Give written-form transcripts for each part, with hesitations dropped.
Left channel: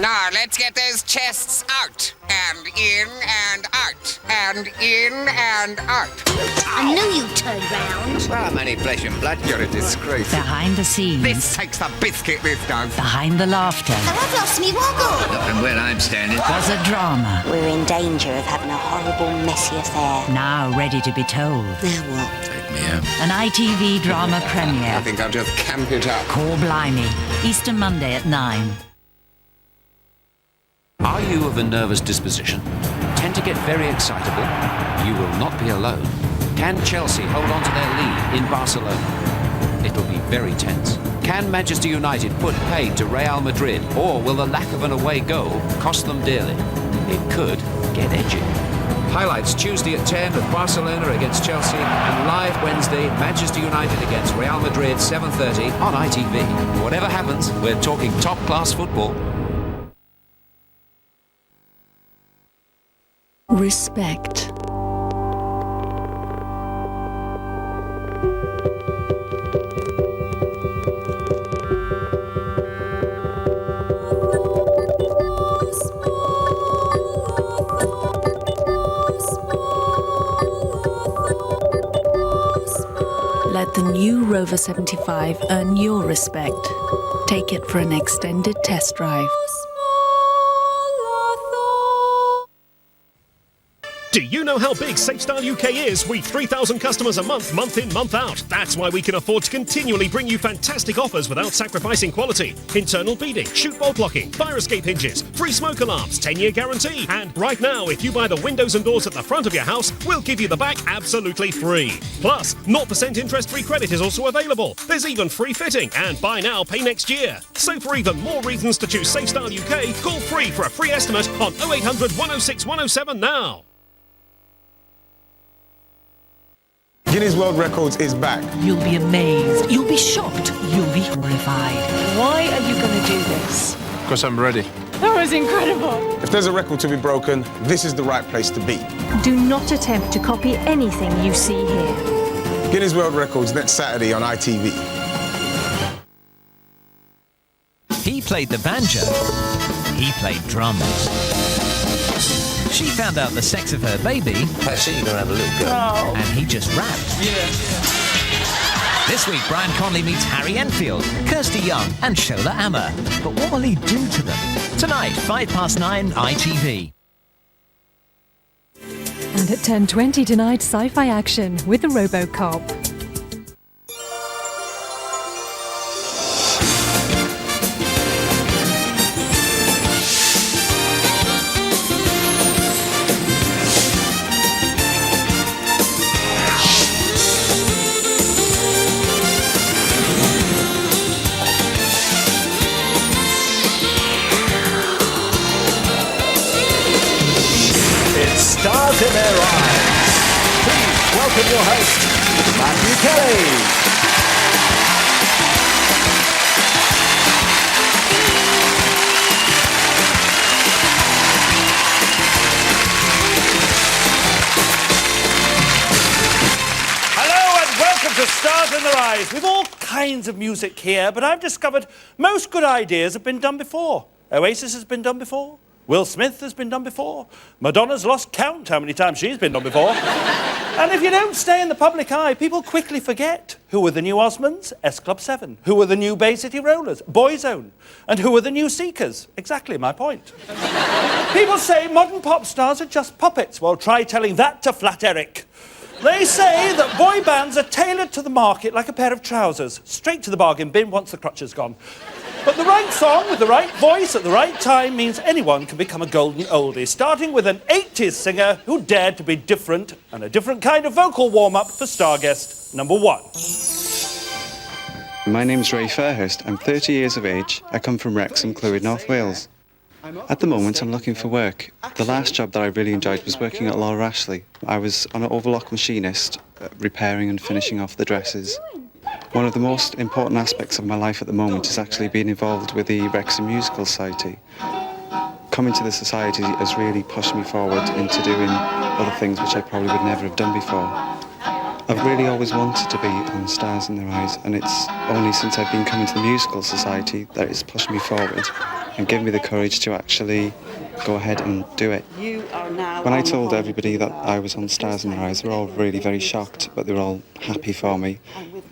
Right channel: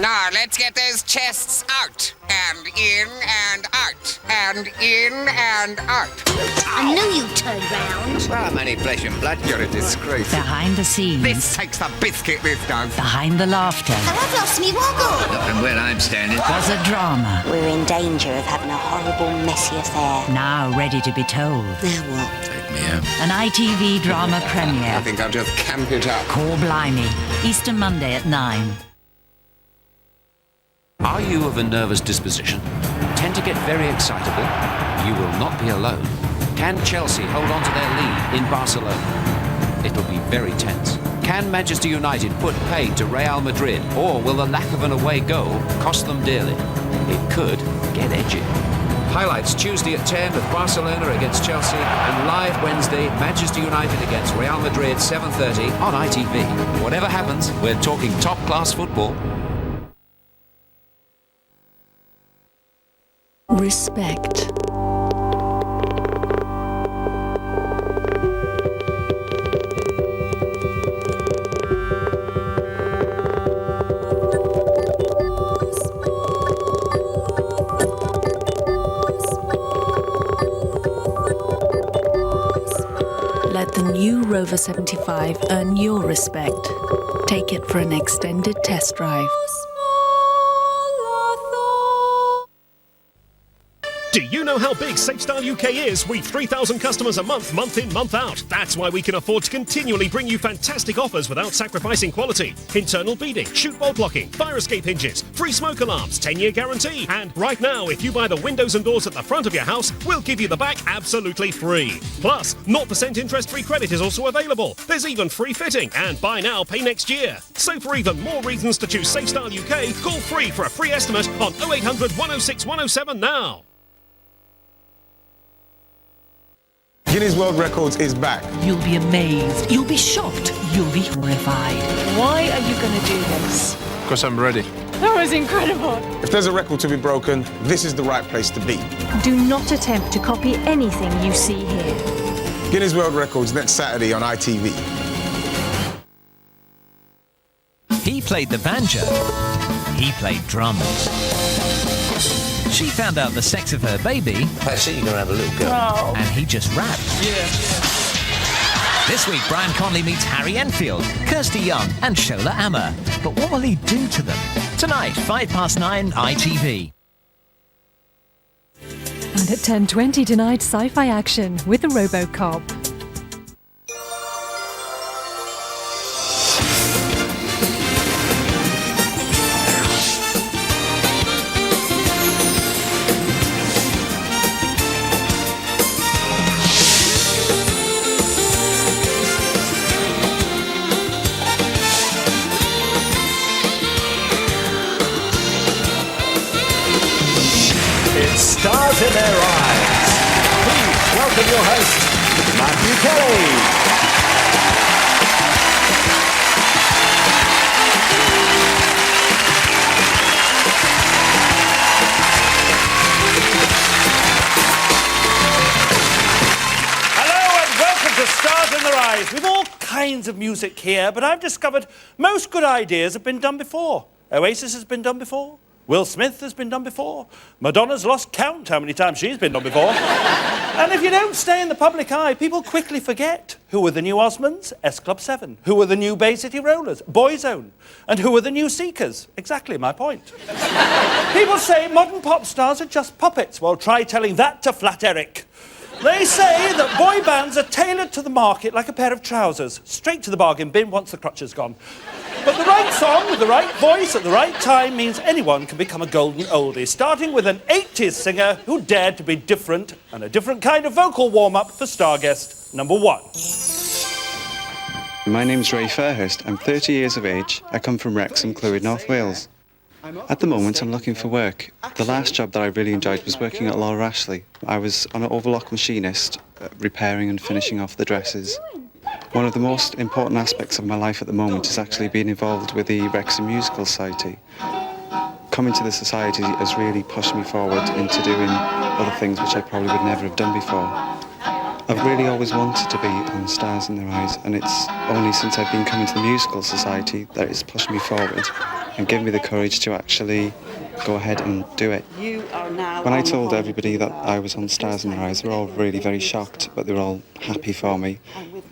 Now, let's get those chests out. And in and out. And in and out. I knew you'd turn round. Well, many flesh and blood, you're a disgrace. Behind the scenes. This takes the biscuit, this does. Behind the laughter. Oh, I've lost me woggle. Not from where I'm standing. Was a drama. We're in danger of having a horrible, messy affair. Now ready to be told. Now what? Take me home. An ITV drama premiere. I think I'll just camp it up. Call Blimey. Easter Monday at 9. Are you of a nervous disposition? Tend to get very excitable? You will not be alone. Can Chelsea hold on to their lead in Barcelona? It'll be very tense. Can Manchester United put paid to Real Madrid, or will the lack of an away goal cost them dearly? It could get edgy. Highlights Tuesday at 10 with Barcelona against Chelsea, and live Wednesday, Manchester United against Real Madrid, 7:30 on ITV. Whatever happens, we're talking top-class football. Respect. Let the new Rover 75 earn your respect. Take it for an extended test drive. Do you know how big SafeStyle UK is? We've 3,000 customers a month, month in, month out. That's why we can afford to continually bring you fantastic offers without sacrificing quality. Internal beading, chute bolt locking, fire escape hinges, free smoke alarms, 10-year guarantee. And right now, if you buy the windows and doors at the front of your house, we'll give you the back absolutely free. Plus, 0% interest-free credit is also available. There's even free fitting and buy now, pay next year. So for even more reasons to choose SafeStyle UK, call free for a free estimate on 0800 106 107 now. Guinness World Records is back. You'll be amazed. You'll be shocked. You'll be horrified. Why are you going to do this? Because I'm ready. That was incredible. If there's a record to be broken, this is the right place to be. Do not attempt to copy anything you see here. Guinness World Records next Saturday on ITV. He played the banjo. He played drums. She found out the sex of her baby. Actually, you're going to have a little girl. Oh. And he just rapped. Yeah. This week, Brian Conley meets Harry Enfield, Kirsty Young, and Shola Amma. But what will he do to them? Tonight, 9:05, ITV. And at 10:20 tonight, sci-fi action with RoboCop. Stars in their eyes. Please welcome your host, Matthew Kelly. Hello and welcome to Stars in Their Eyes. We've all kinds of music here, but I've discovered most good ideas have been done before. Oasis has been done before. Will Smith has been done before. Madonna's lost count how many times she's been done before. And if you don't stay in the public eye, people quickly forget. Who were the new Osmonds? S Club 7. Who were the new Bay City Rollers? Boyzone. And who were the new Seekers? Exactly my point. People say modern pop stars are just puppets. Well, try telling that to Flat Eric. They say that boy bands are tailored to the market like a pair of trousers. Straight to the bargain bin once the crutch is gone. But the right song with the right voice at the right time means anyone can become a golden oldie, starting with an 80s singer who dared to be different and a different kind of vocal warm-up for Starguest number 1. My name's Ray Fairhurst. I'm 30 years of age. I come from Wrexham, Clwyd, North Wales. At the moment, I'm looking for work. The last job that I really enjoyed was working at Laura Ashley. I was an overlock machinist, repairing and finishing off the dresses. One of the most important aspects of my life at the moment is actually being involved with the Wrexham Musical Society. Coming to the society has really pushed me forward into doing other things which I probably would never have done before. I've really always wanted to be on Stars in Their Eyes, and it's only since I've been coming to the Musical Society that it's pushed me forward. and gave me the courage to actually go ahead and do it. When I told everybody that I was on Stars in Their Eyes, they were all really very shocked, but they were all happy for me,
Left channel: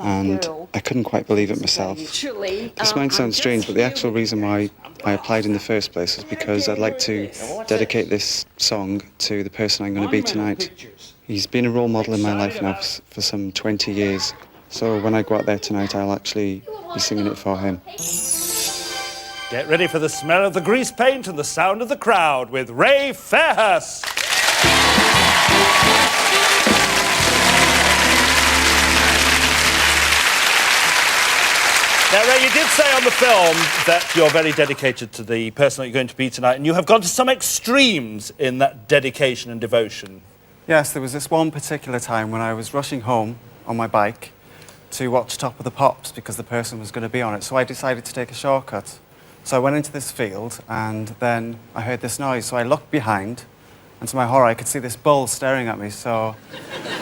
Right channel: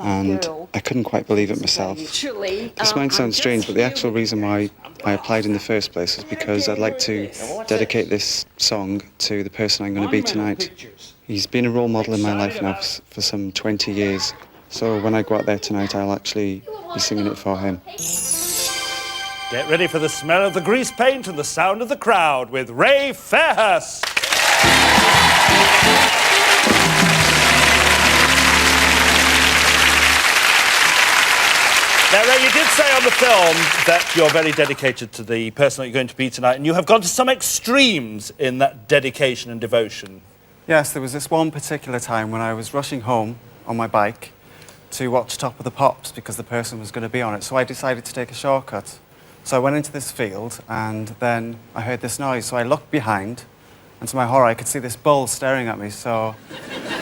and I couldn't quite believe it myself. This might sound strange, but the actual reason why I applied in the first place was because I'd like to dedicate this song to the person I'm going to be tonight. He's been a role model in my life now for some 20 years, so when I go out there tonight, I'll actually be singing it for him. Get ready for the smell of the grease paint and the sound of the crowd with Ray Fairhurst. Now, Ray, you did say on the film that you're very dedicated to the person that you're going to be tonight, and you have gone to some extremes in that dedication and devotion. Yes, there was this one particular time when I was rushing home on my bike to watch Top of the Pops because the person was going to be on it, so I decided to take a shortcut. So I went into this field, and then I heard this noise, so I looked behind, and to my horror, I could see this bull staring at me, so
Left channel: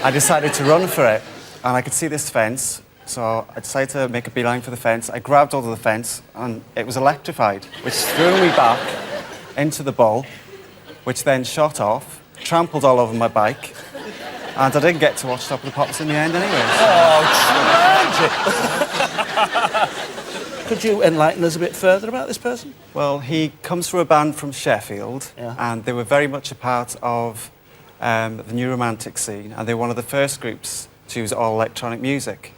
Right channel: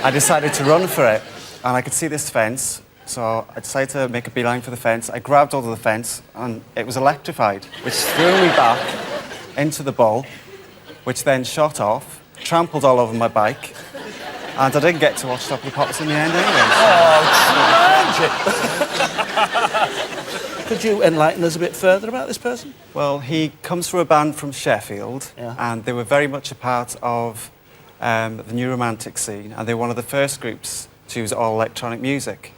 I decided to run for it, and I could see this fence, so I decided to make a beeline for the fence. I grabbed hold of the fence, and it was electrified, which threw me back into the bull, which then shot off, trampled all over my bike, and I didn't get to watch Top of the Pops in the end anyway. So. Oh, tragic! Could you enlighten us a bit further about this person? Well, he comes from a band from Sheffield, and they were very much a part of the new romantic scene, and they were one of the first groups to use all electronic music.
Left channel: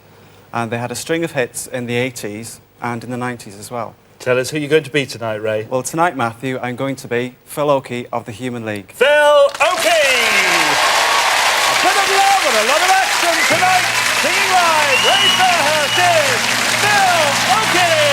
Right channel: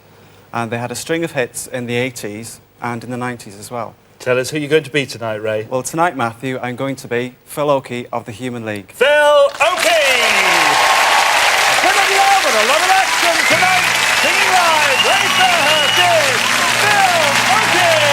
And they had a string of hits in the 80s and in the 90s as well. Tell us who you're going to be tonight, Ray. Well, tonight, Matthew, I'm going to be Phil Oakey of the Human League. Phil Oakey! A bit of love and a lot of action tonight. Singing live, Ray Fairhurst is Phil Oakey!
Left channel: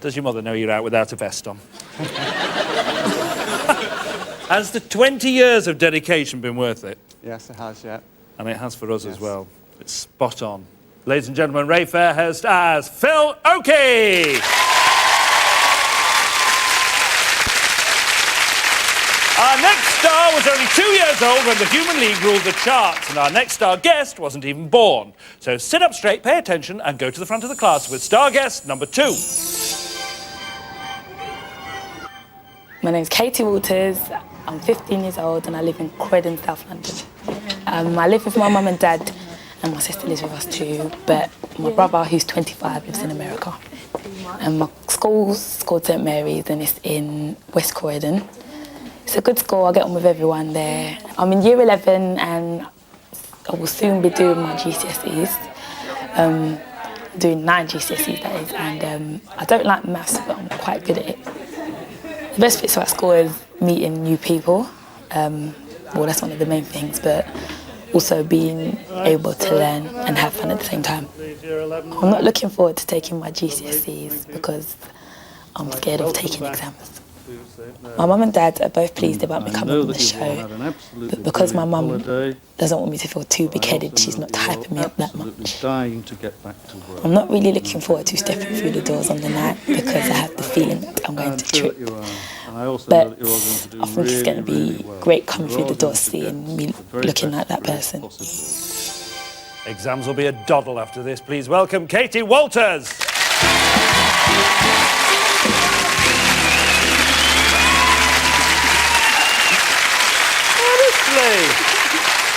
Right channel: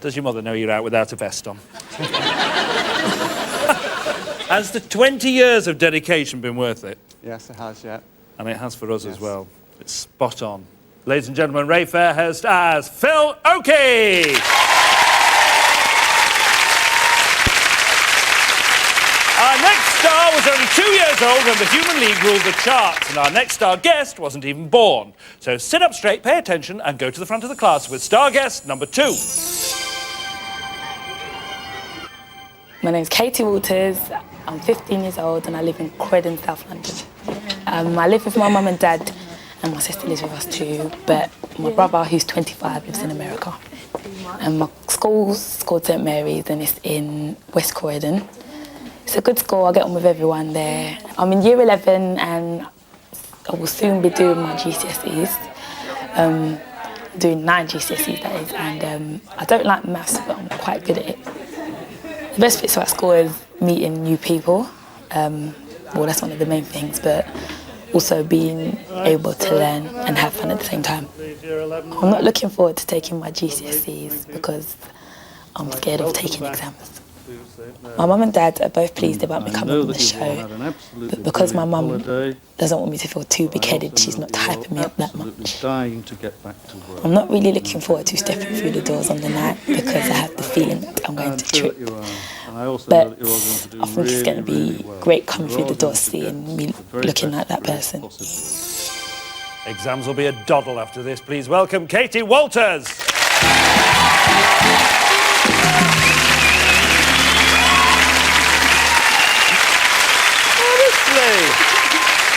Does your mother know you're out without a vest on? Has the 20 years of dedication been worth it? Yes, it has, yeah. And it has for us as well. It's spot on. Ladies and gentlemen, Ray Fairhurst as Phil Oakey! Our next star was only 2 years old when the Human League ruled the charts, and our next star guest wasn't even born. So sit up straight, pay attention, and go to the front of the class with star guest number 2. My name's Katie Walters. I'm 15 years old and I live in Croydon, South London. I live with my mum and dad, and my sister lives with us too, but my brother, who's 25, lives in America. And my school's called St Mary's and it's in West Croydon. It's a good school, I get on with everyone there. I'm in year 11 and I will soon be doing my GCSEs. Doing 9 GCSEs, that is, and I don't like maths, but I'm quite good at it. The best bits about school is meeting new people. Well, that's one of the main things, but also being able to learn and have fun at the same time. I'm not looking forward to taking my GCSEs because I'm scared of taking exams. My mum and dad are both pleased about me coming on the show, but because my mum doesn't want me to feel too big-headed, she's not hyping me up that much. I'm not really looking forward to stepping through the doors on the night because I have the feeling that I'm going to trip. But I think it's going to be great coming through the door, seeing me looking like that person. Exams will be a doddle after this. Please welcome Katie Walters.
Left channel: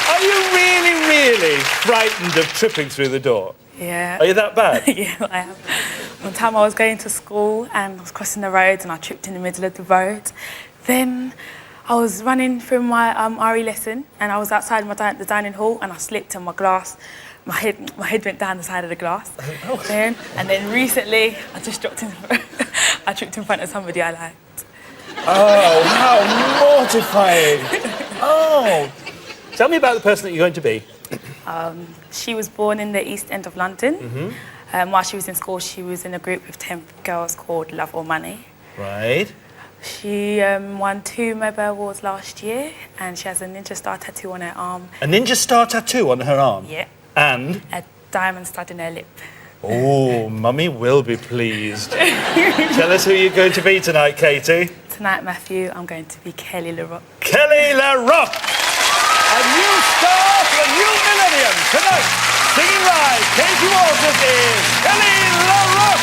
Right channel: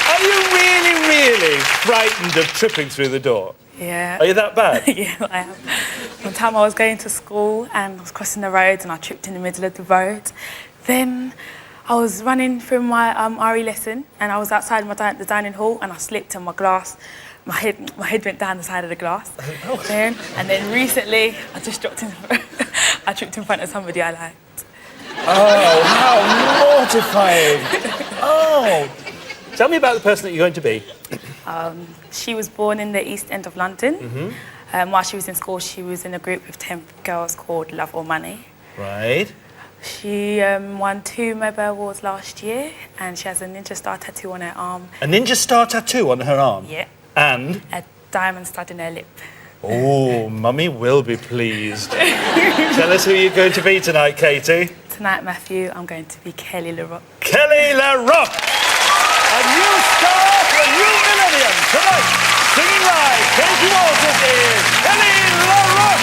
Are you really frightened of tripping through the door? Yeah. Are you that bad? Yeah, I am. One time I was going to school and I was crossing the road and I tripped in the middle of the road. Then I was running through my RE lesson and I was outside the dining hall and I slipped and my head went down the side of the glass. And then recently I just tripped in front of somebody I liked. Oh, how mortifying! Oh. Tell me about the person that you're going to be. She was born in the East End of London. While she was in school, she was in a group of 10 girls called Love or Money. Right. She won 2 Mobile Awards last year, and she has a ninja star tattoo on her arm. A ninja star tattoo on her arm? Yeah. And? A diamond stud in her lip. Oh, Mummy will be pleased. Tell us who you're going to be tonight, Katie. Tonight, Matthew, I'm going to be Kelly LaRock. Kelly LaRock! A new star for a new millennium. Tonight, singing live, Katie Walters is Kelly LaRock!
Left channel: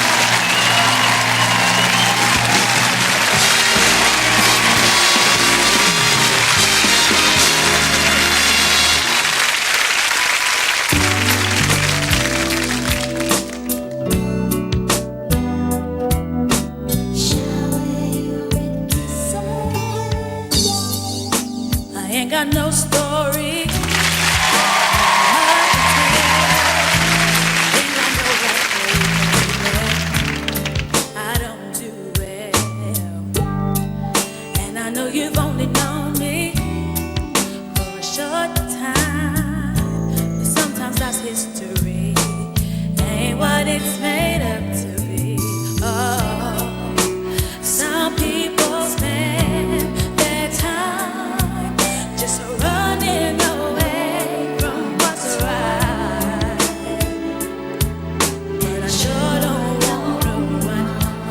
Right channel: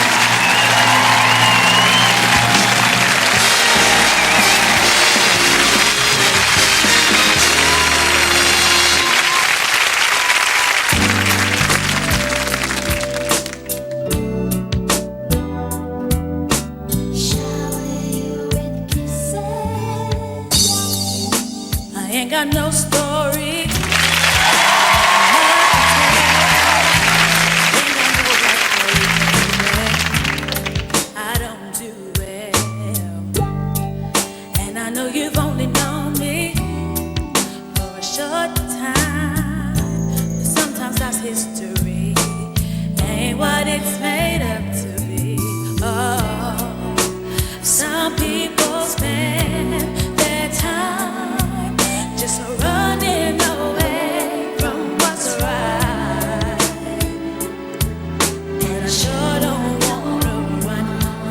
I ain't got no story. I don't do well, and I know you've only known me for a short time, but sometimes that's history, ain't what it's made up to be. Oh, some people spend their time just running away from what's right, and I sure don't wanna run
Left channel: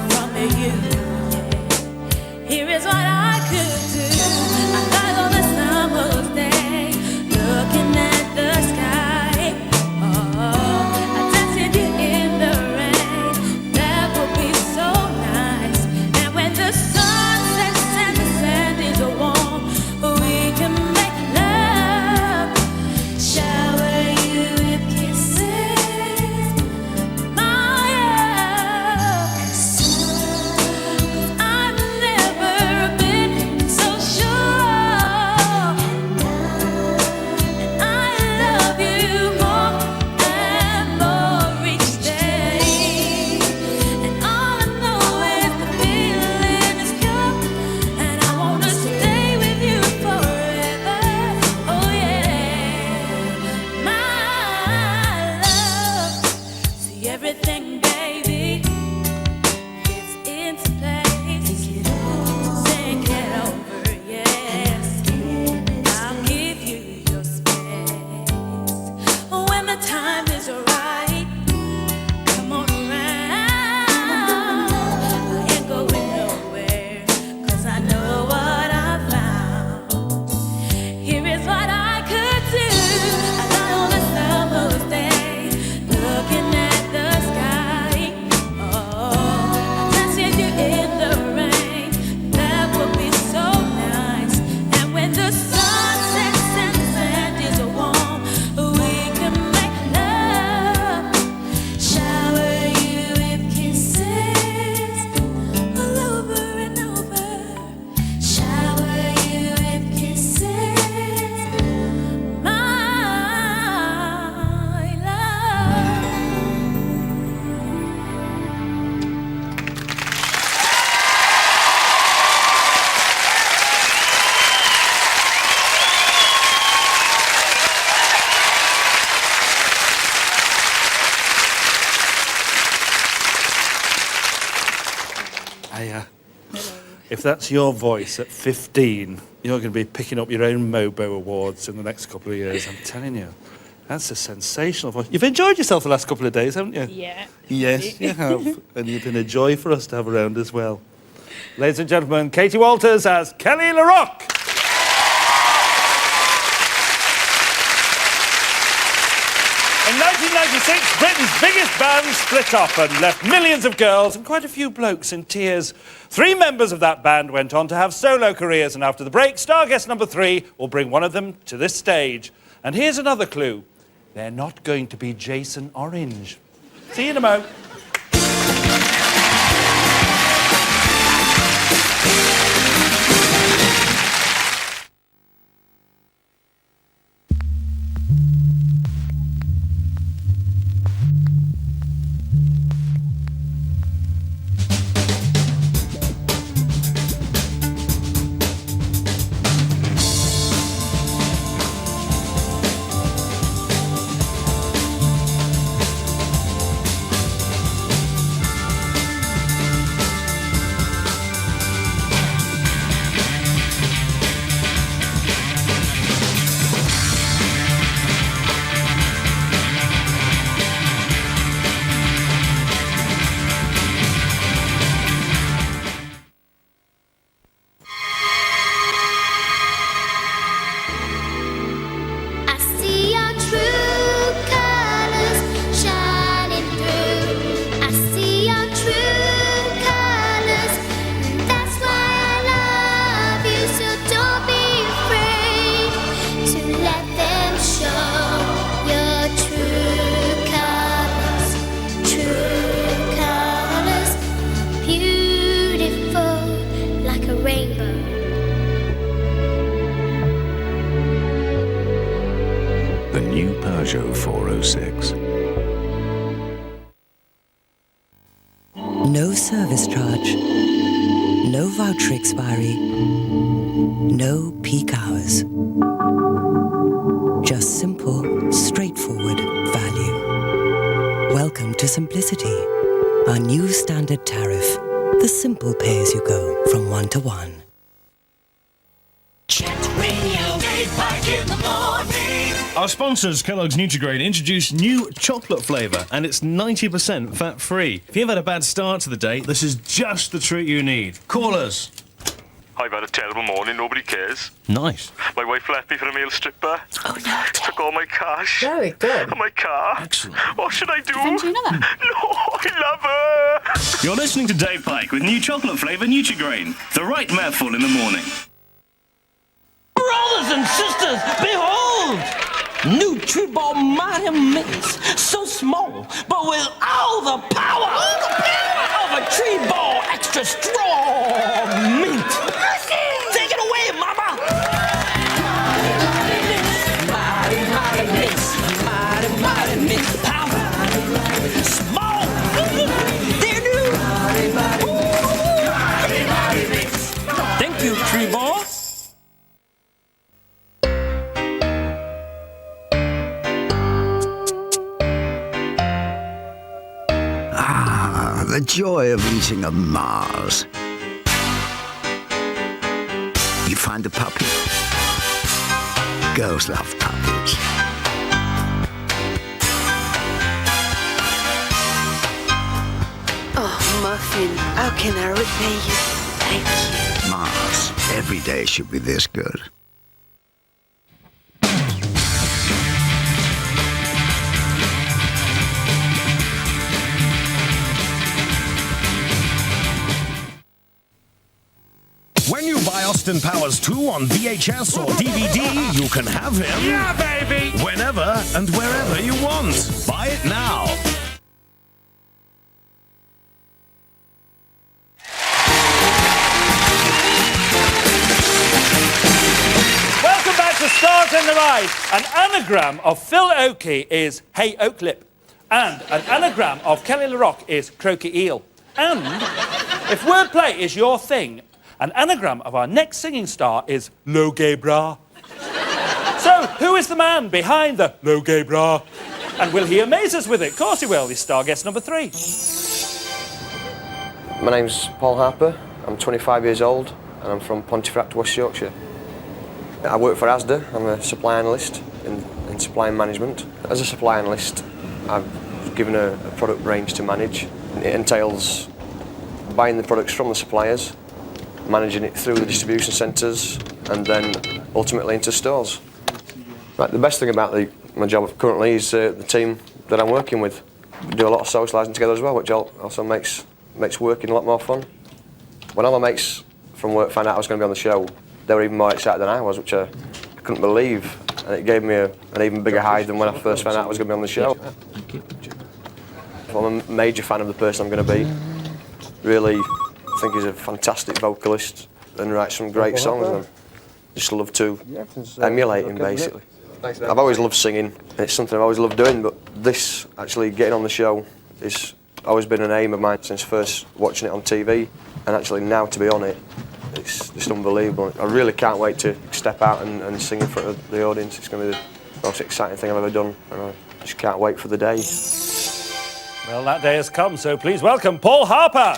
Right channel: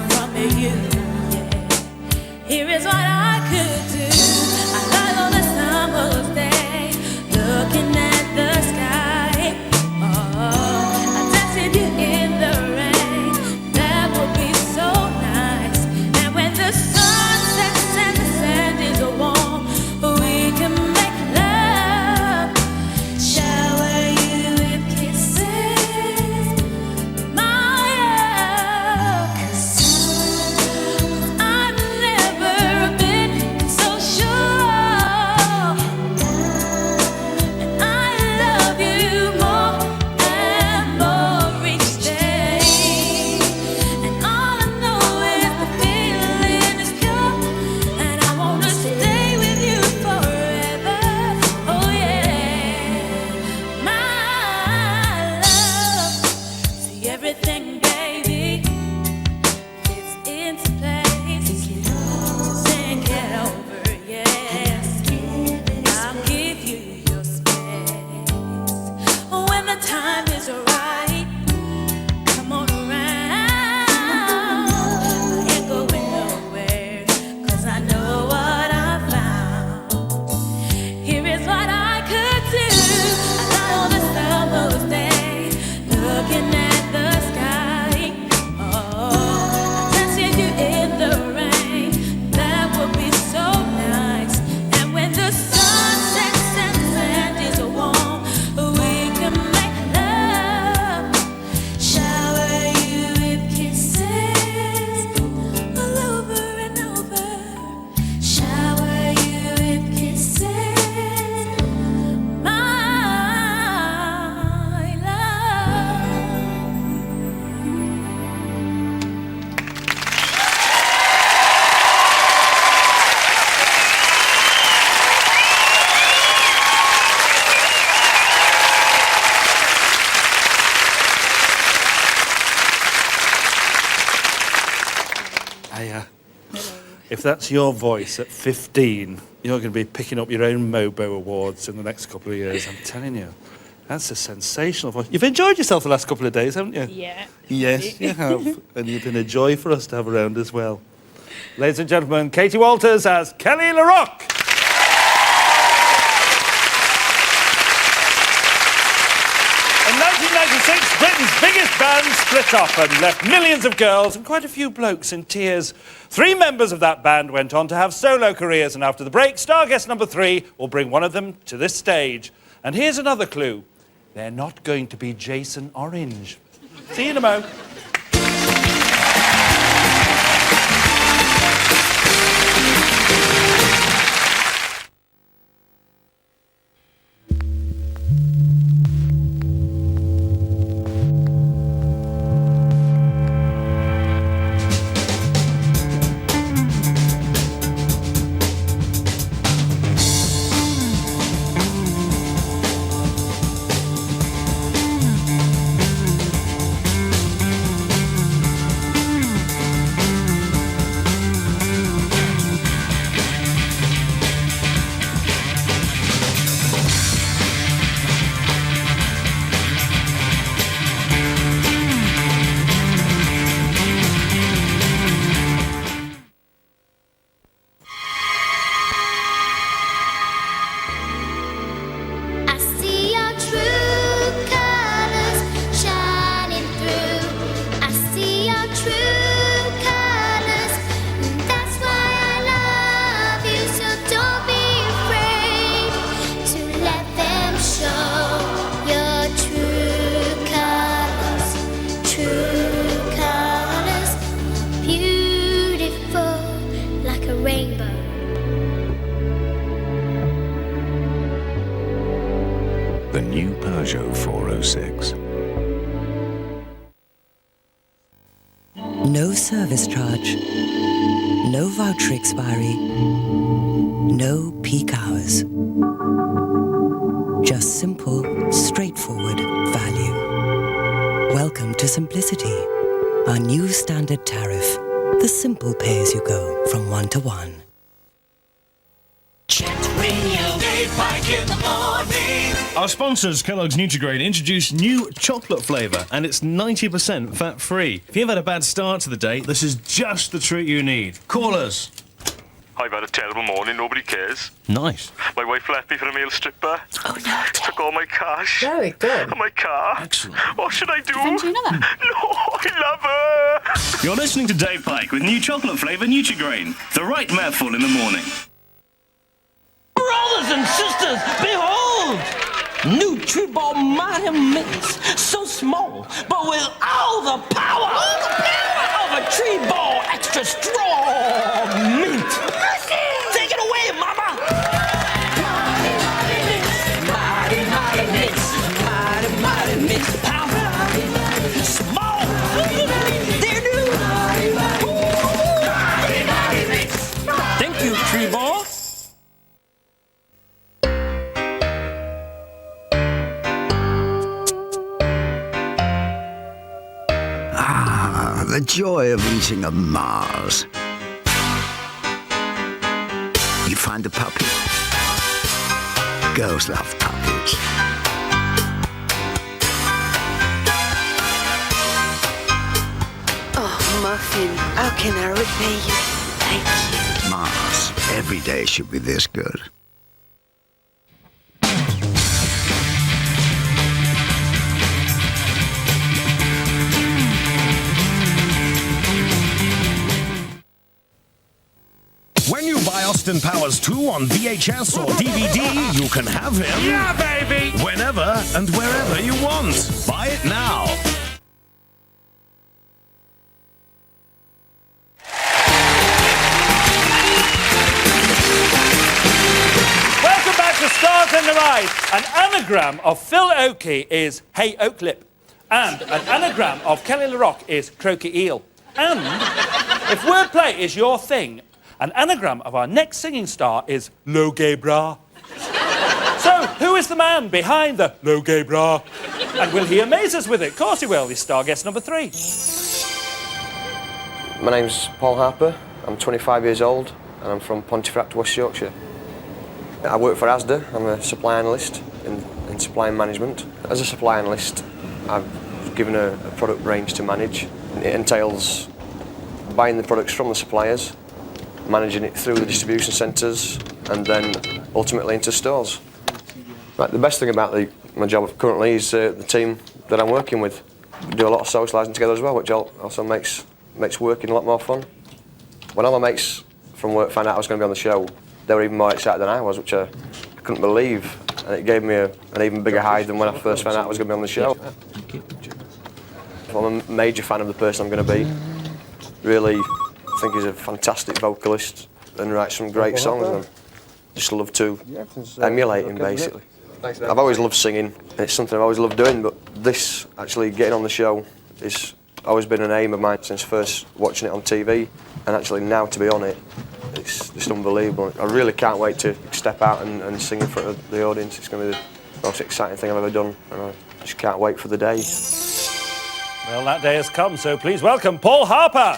from you. Yeah. Here is what I could do. I lie on a summer's day, looking at the sky. Oh, I dance with you in the rain. That would be so nice. And when the sun sets and the sand is warm, we can make love, shower you with kisses, my love. I've never been Hiya. If that's your voice at 15, you're going to be picking up your own Mobo Awards in the next couple of years, I'm telling you. That's a sensational voice. You've enjoyed yourself the last couple of days, haven't you? Yeah. Yes, you have. And you've been a joy for us to have around as well. Ladies and gentlemen, Katie Walters as Kelly LaRock. In 1996, Britain's biggest band split up and left millions of girls and quite a few blokes in tears. 3 members of that band went on to have solo careers, and after the break, star guest number 3 will bring one of them to this stage. And here's another clue. They're not going to be Jason Orange. See you in a mo. The new Peugeot 406. No service charge. No voucher expiry. No peak hours. Just simple, straightforward value. Welcome to Simplicity, our new standard tariff. The simple pay-as-you-go from 1 to 1. Our sponsors, Kellogg's Nutri-Grain, introduced new chocolate flavour, and it's 90% fat-free. If you've had a bad start to the day, this is just the treat you need. Call us. I've had a terrible morning, nobody cares. Nice. My wife left me for a male stripper. Oh no. Took all my cash. Very good. And my car. Excellent. What should I do? Send you another. No, I love her. You're listening to Dave Pike with new chocolate flavour Nutri-Grain. The right mouthful in the morning. Brothers and sisters, behold! Nutriball Mighty Mix. So small, but with all the power of a tree ball extra strong mint. Take it away, mama! Mighty Mix. Mighty Mix. Power. Small. They're new. Mighty Mix. Thank you, tree ball. The joy of eating a Mars. You find a puppy. Girls love puppies. Oh, Muffin, how can I repay you? Thank you. Mars. Every day should be this good. When you buy Austin Powers 2 on VHS or DVD, you can have him. Yeah, baby! Whenever and wherever you want. Buy it now. Welcome back to Stars in the Rise. An anagram of Phil Oakey is Hey Oaklip. And an anagram of Kelly LaRock is Croaky Eel. And if wordplay is your thing, an anagram of our next singing star is Low Gay Bra. So, who is the man behind the Low Gay Bra? And will he amaze us with it? Of course he will. He's star guest number 3. My name's Paul Harper. I'm 25 years old and I'm from Pontefract, West Yorkshire. I work for Asda. I'm a supply analyst in supply management. As a supply analyst, I've given a product range to manage. It entails buying the products from the suppliers, managing it through the distribution centres and then ultimately into stores. Right, the best thing about my job currently is the team that I'm working with. We do a lot of socialising together as well, which also makes working a lot more fun. When all my mates from work found out I was going to be on the show, they were even more excited than I was, which I couldn't believe. And it gave me an even bigger high than when I first found out I was going to be on the show. I'm a major fan of the person I'm going to be. Really think he's a fantastic vocalist and writes some great songs. And I just love to emulate him, basically. I've always loved singing, and it's something I've always loved doing, but this, actually getting on the show, is always been an aim of mine since first watching it on TV, and actually now to be on it, it's just unbelievable. I really can't wait to step out and sing in front of the audience. It's going to be the most exciting thing I've ever done, and I just can't wait for the day. Well, that day has come, so please welcome Paul Harper.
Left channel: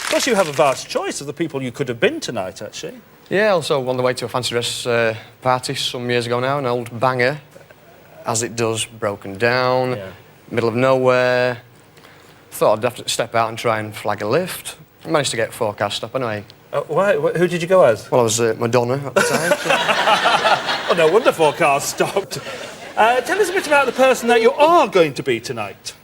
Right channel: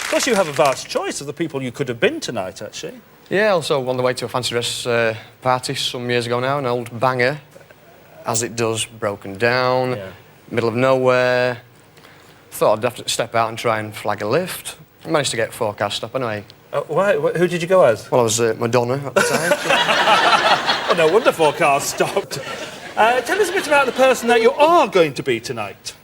Of course, you have a vast choice of the people you could have been tonight, actually. Yeah, also on the way to a fancy dress party some years ago now, an old banger, As It Does, Broken Down, middle of nowhere. Thought I'd have to step out and try and flag a lift. Managed to get a forecast stop anyway. Why? Who did you go as? Well, I was Madonna at the time. Oh, no wonder forecast stopped. Tell us a bit about the person that you are going to be tonight.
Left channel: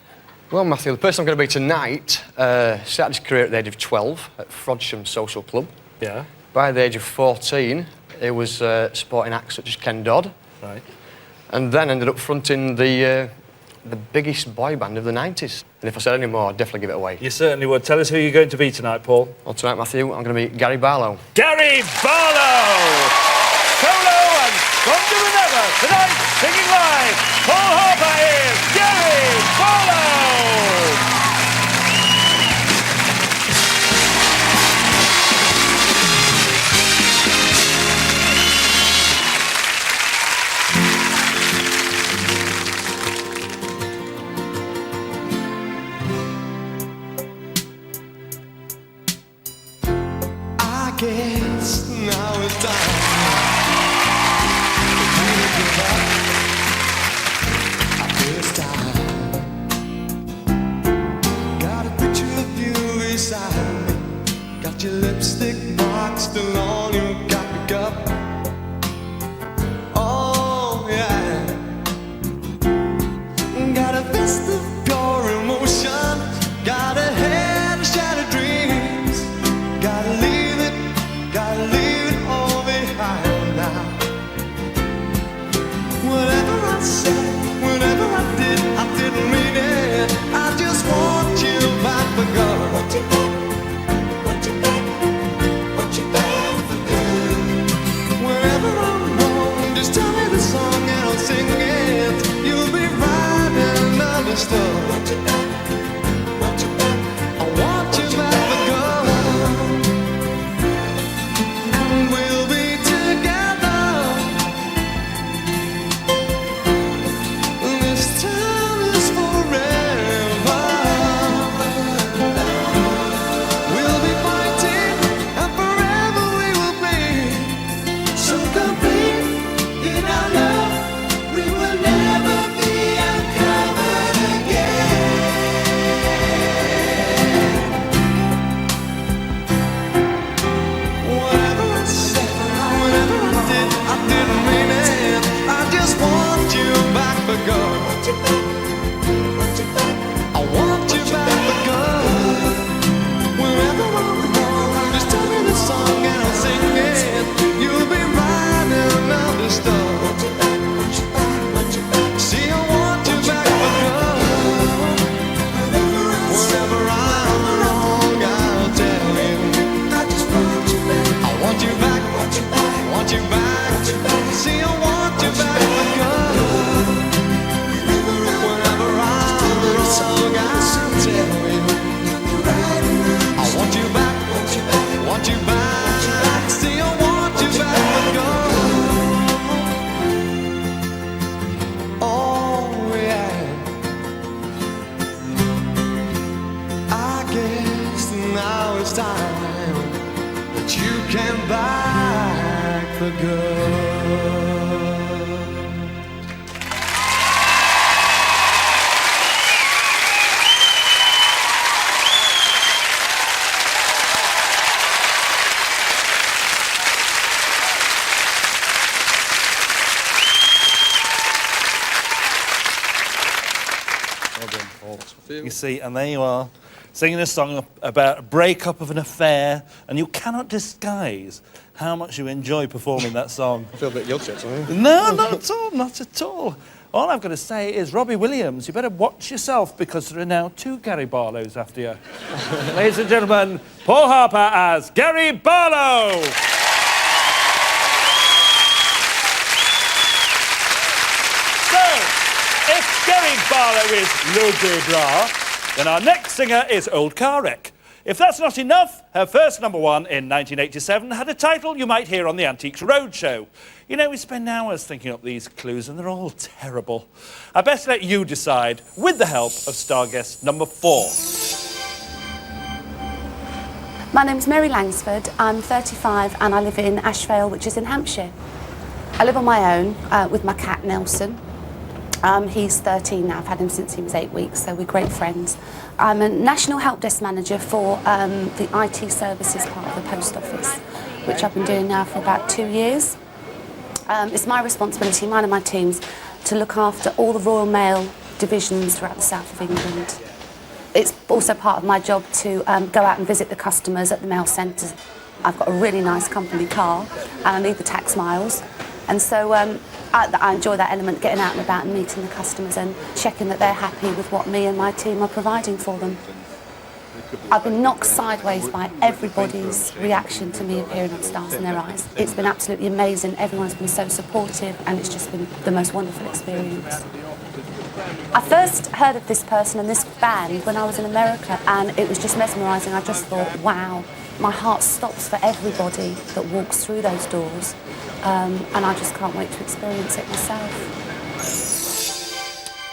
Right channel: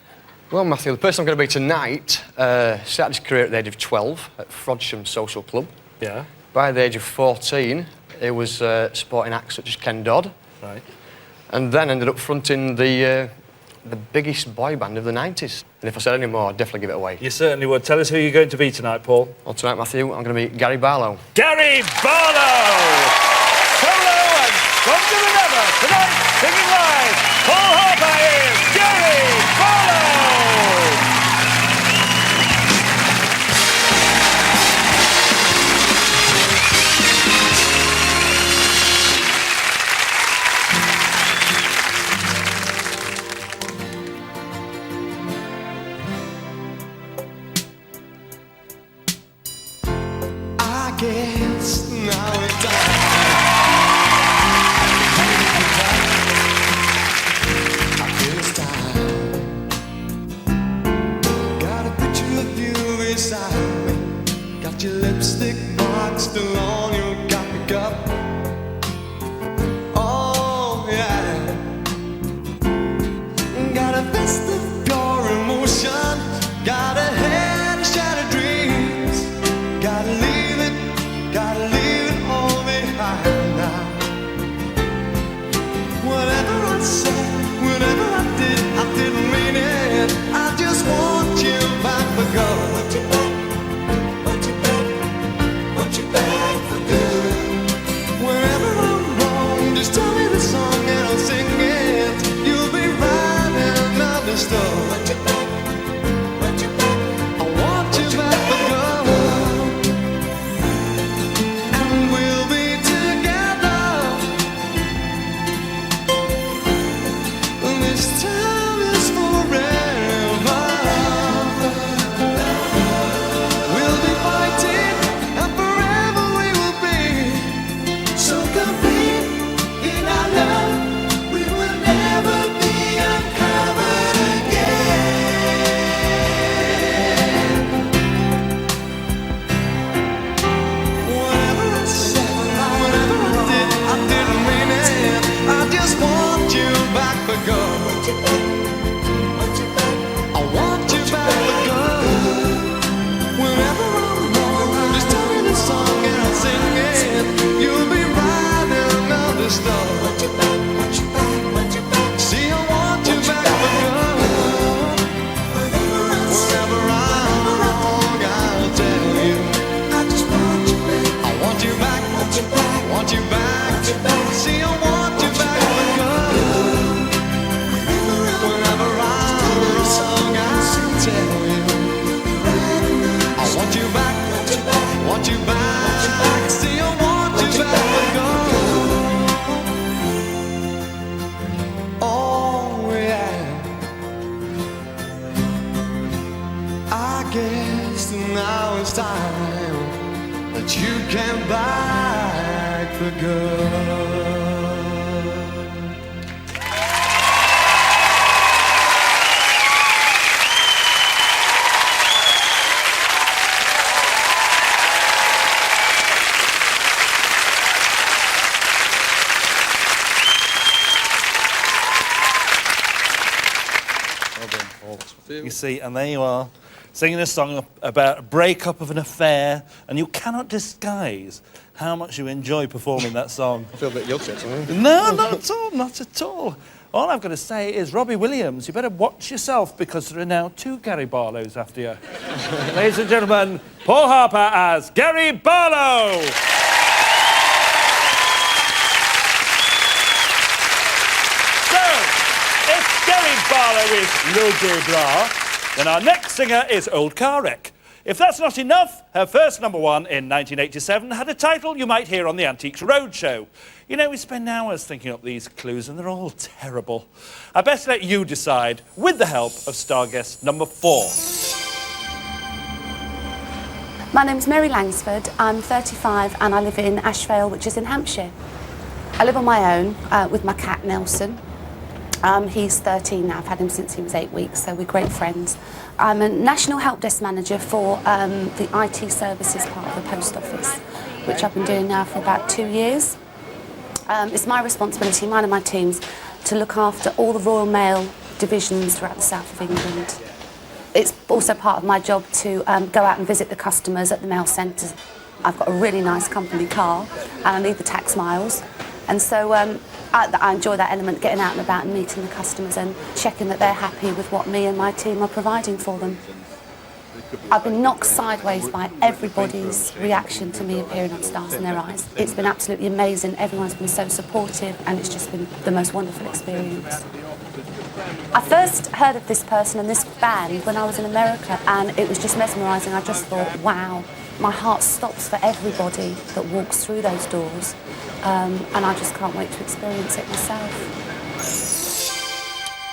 Well, Matthew, the person I'm going to be tonight started his career at the age of 12 at Frodsham Social Club. Yeah. By the age of 14, he was supporting acts such as Ken Dodd. Right. And then ended up fronting the biggest boy band of the 90s. And if I said any more, I'd definitely give it away. You certainly would. Tell us who you're going to be tonight, Paul. Well, tonight, Matthew, I'm going to be Gary Barlow. Gary Barlow! Solo and stronger than ever. Tonight, singing live, Paul Harper is Gary Barlow! I guess now it's time. I feel it's time. Got a picture of you beside me. Got your lipstick mark still on your coffee cup. Oh yeah. Got a vest of pure emotion. Got a head of shattered dreams. Gotta leave it all behind now. Whatever I said, whatever I didn't mean it. I just want you back for good. Want you back for good. Whenever I'm wrong, just tell me the song and I'll sing it. You'll be right and understood. I want you back for good. I want you back for good. Whenever I'm wrong, just tell me the song and I'll sing it. You'll be right and understood. See, I want you back for good. Whenever I'm wrong, I'll tell you. I want you back, want you back. See, I want you back for good. Whenever I'm wrong, I'll tell you. I want you back, want you back. See, I want you back for good. last time that you came back for good. You see, and there you are, singing a song about a breakup of an affair, and you cannot disguise how much you enjoy performing that song. I feel a bit guilty, actually. No, not at all, not at all. All I've got to say is, Robbie Williams, you better watch yourself, because there are now 2 Gary Barlows after you. Ladies and gentlemen, Paul Harper as Gary Barlow! If Gary Barlow is Le Debra, then our next singer is Old Car Wreck. If that's not enough, her first #1 in 1987 had a title you might hear on the Antiques Roadshow. You know, we spend hours thinking up these clues and they're all terrible. I best let you decide with the help of star guest #4. My name's Mary Langsford. I'm 35 and I live in Ashvale, which is in Hampshire. I live on my own with my cat Nelson. He's 13 now. I've had him since he was 8 weeks, so we're great friends. I'm a National Help Desk Manager for the IT services part of the Post Office, which I've been doing now for about 2 years. It's my responsibility, mine and my team's, to look after all the Royal Mail divisions throughout the south of England. It's also part of my job to go out and visit the customers at the mail centres. I've got a really nice company car and I need the tax miles. And so I enjoy that element, getting out and about and meeting the customers and checking that they're happy with what me and my team are providing for them. I've been knocked sideways by everybody's reaction to me appearing on Stars in Their Eyes. It's been absolutely amazing. Everyone's been so supportive and it's just been the most wonderful experience. I first heard of this person and this band when I was in America, and it was just mesmerising. I just thought, wow, my heart stops for everybody that walks through those doors. And I just can't wait to experience it myself.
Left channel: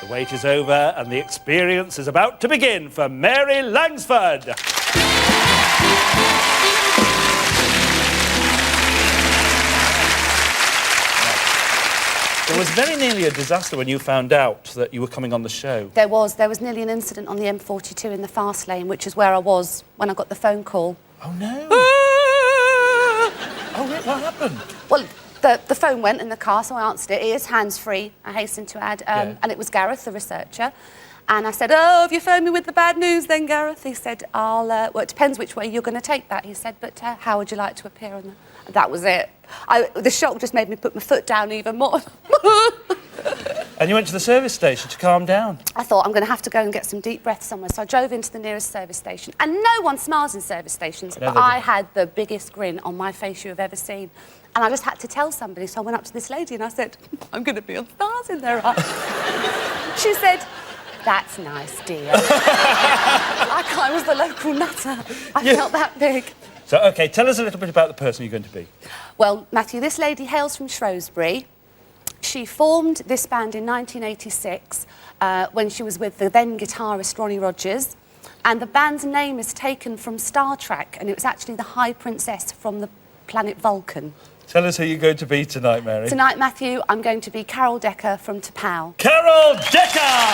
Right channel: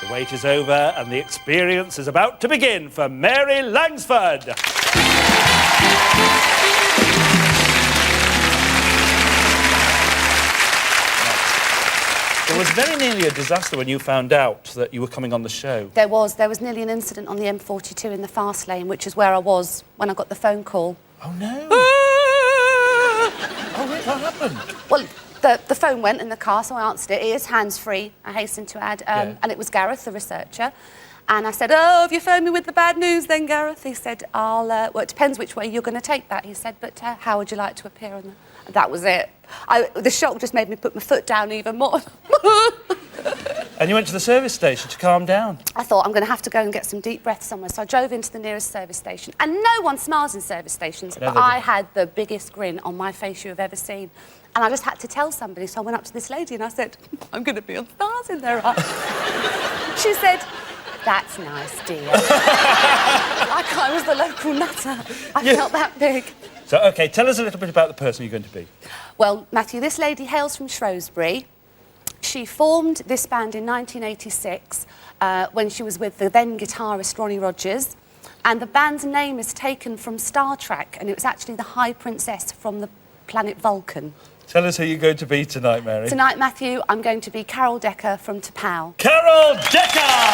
The wait is over and the experience is about to begin for Mary Langsford. There was very nearly a disaster when you found out that you were coming on the show. There was nearly an incident on the M42 in the fast lane, which is where I was when I got the phone call. Oh no! Oh, what happened? Well, the phone went in the car, so I answered it. It is hands-free, I hasten to add. And it was Gareth, the researcher. And I said, oh, have you phoned me with the bad news then, Gareth? He said, well, it depends which way you're going to take that. He said, but how would you like to appear on the... And that was it. The shock just made me put my foot down even more. And you went to the service station to calm down? I thought, I'm going to have to go and get some deep breath somewhere. So I drove into the nearest service station. And no one smiles in service stations, but I had the biggest grin on my face you have ever seen. And I just had to tell somebody, so I went up to this lady and I said, I'm going to be on Stars in Their Eyes. She said, that's nice, dear. Like I was the local nutter. I felt that big. So, OK, tell us a little bit about the person you're going to be. Well, Matthew, this lady hails from Shrewsbury. She formed this band in 1986 when she was with the then guitarist Ronnie Rogers. And the band's name is taken from Star Trek, and it was actually the High Princess from the planet Vulcan. Tell us who you're going to be tonight, Mary. Tonight, Matthew, I'm going to be Carol Decker from T'Pau. Carol Decker!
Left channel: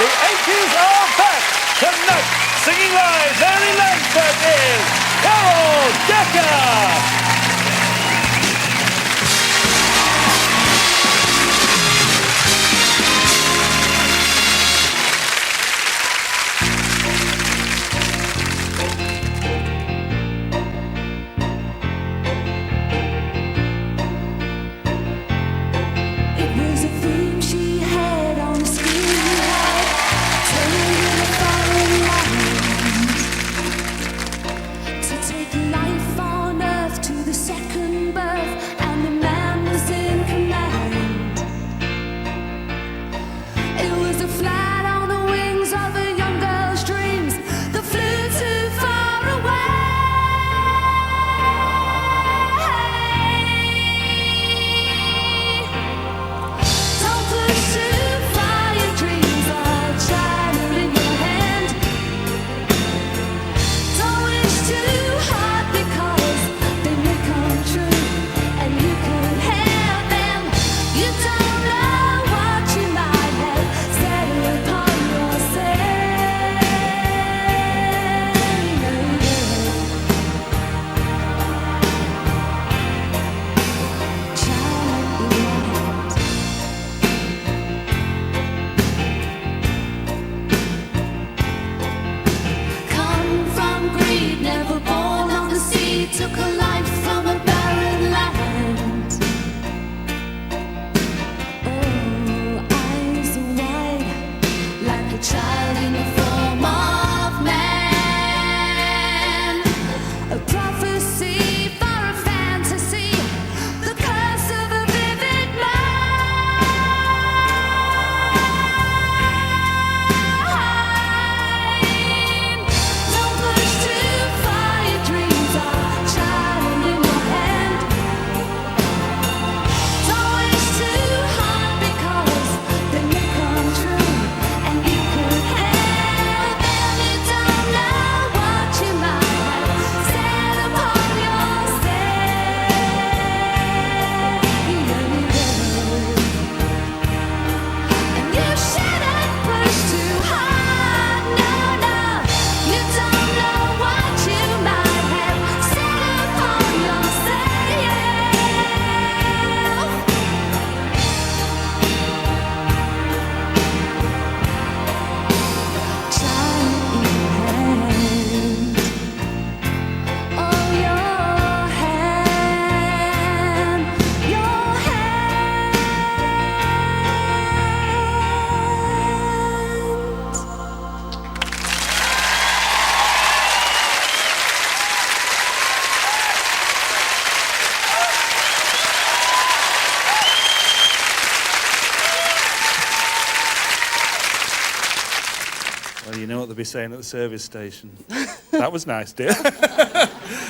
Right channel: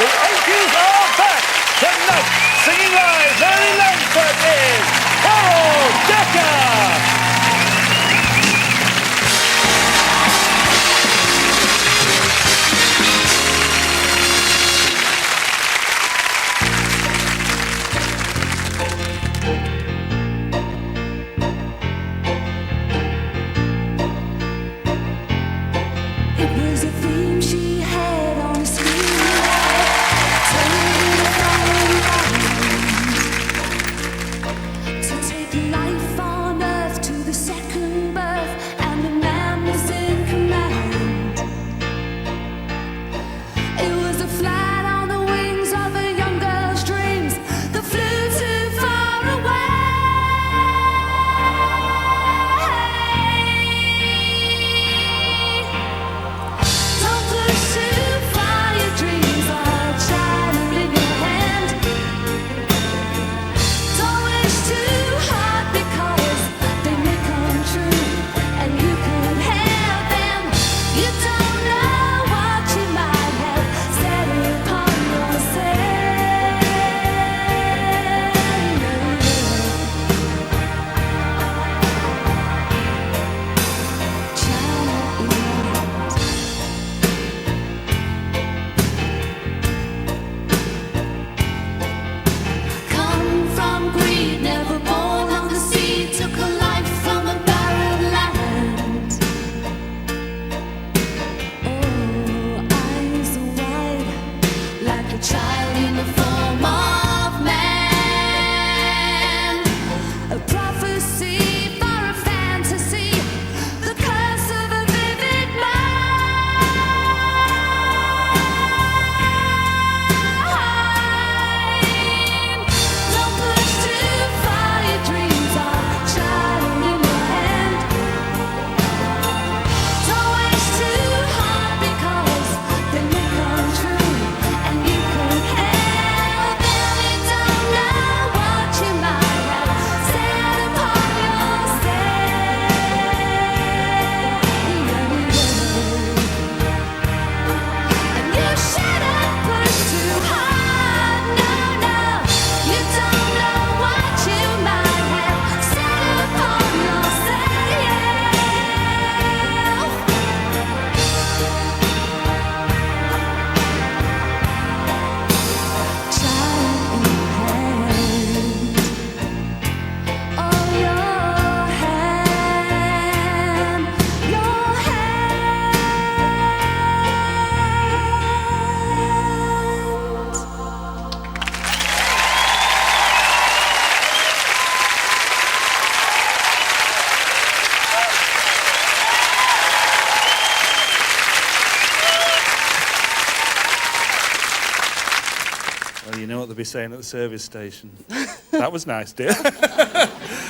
The Yankees are back tonight. Singing live, Mary Langsford is Carol Decker! Life on earth to the second birth, and the man was in command. It was a flight on the wings of a young girl's dreams that flew too far away. Don't push too far, your dreams are China in your hand. Don't wish child in the form of man, a prophecy for a fantasy, the curse of a vivid mind. Don't push too far, your dreams are child in your hand. Don't wish too hard because they may come true, and you could help them. You don't know what you might have set upon yourself. And you shouldn't push too hard, no, no. You don't know what you might have set upon yourself. Child in your hand, oh your hand, your hand. Well, you know what they'll be saying at the service station. That was nice, dear.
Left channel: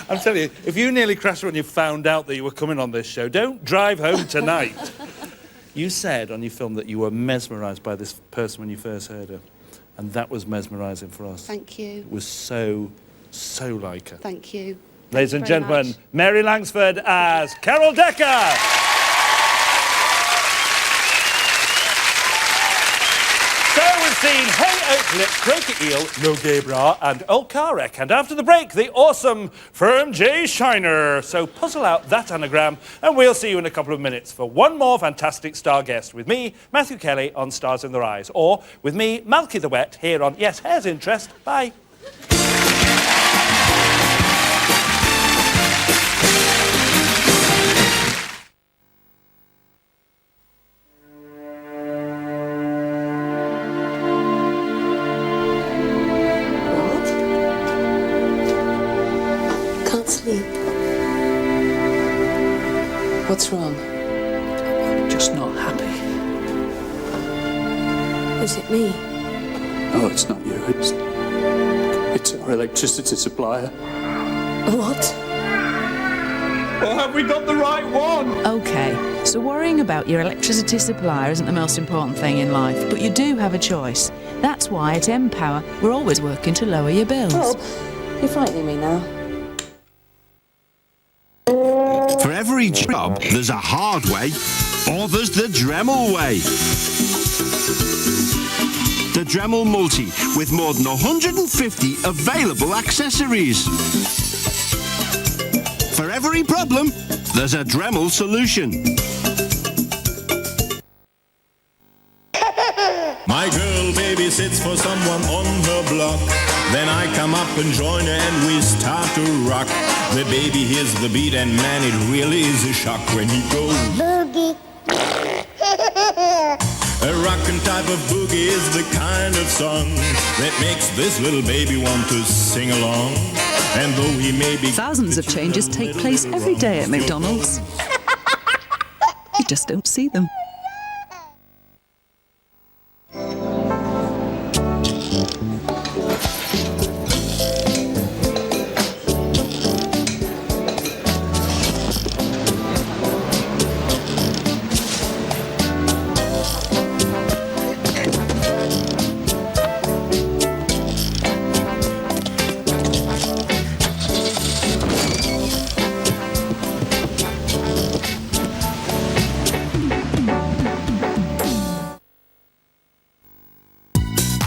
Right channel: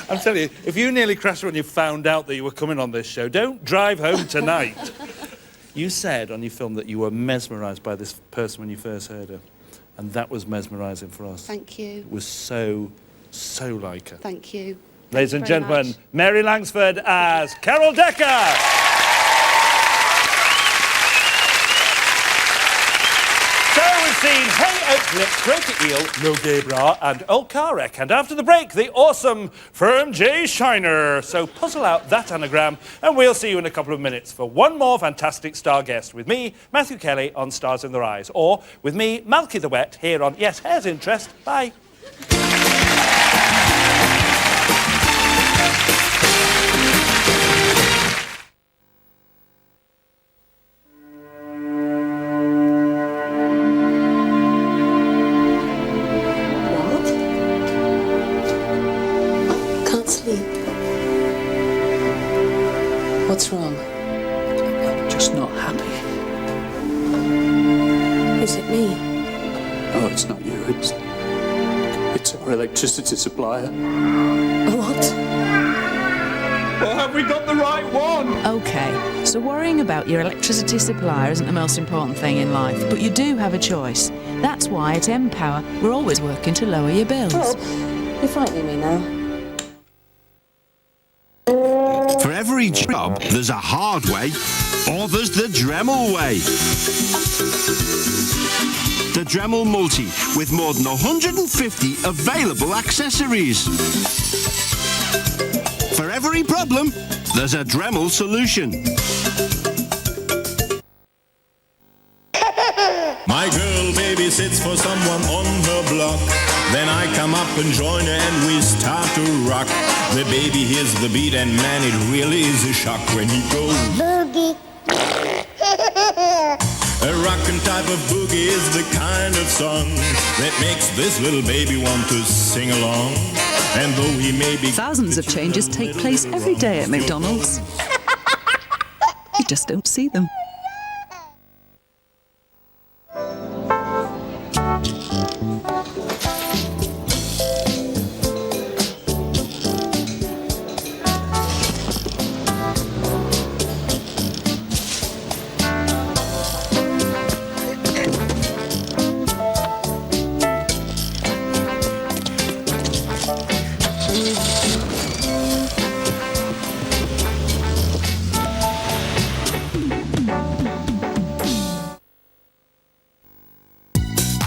I'm telling you, if you nearly crashed when you found out that you were coming on this show, don't drive home tonight. You said on your film that you were mesmerised by this person when you first heard her. And that was mesmerising for us. Thank you. It was so like her. Thank you. Ladies and very gentlemen, much. Mary Langsford as Carol Decker. So we've seen Hey Oak Lip, Croaky Eel, No Gay Bra and Old Car Wreck. And after the break, the awesome Firm J. Shiner. So puzzle out that anagram and we'll see you in a couple of minutes for one more fantastic star guest with me, Matthew Kelly, on Stars in Their Eyes. Or with me, Malky the Wet, here on Yes, Hair's Interest. Bye. What? Can't sleep. What's wrong? I'm just not happy. Is it me? No, it's not you. It's our electricity supplier. What? Well, have we got the right one? OK, so worrying about your electricity supplier isn't the most important thing in life, but you do have a choice. That's why at Empower, we're always working to lower your bills. Bob, you're frightening me now. For every job, there's a hard way, or there's the Dremel way. The Dremel Multi, with more than 150 available accessories. For every problem, there's a Dremel solution. My girl babysits for someone on her block. Then I come up and join her and we start to rock. The baby hears the beat and man, it really is a shock when he goes boogie. A rockin' type of boogie is the kind of song that makes this little baby want to sing along. And though he may be... Thousands of changes take place every day at McDonald's. You just don't see them.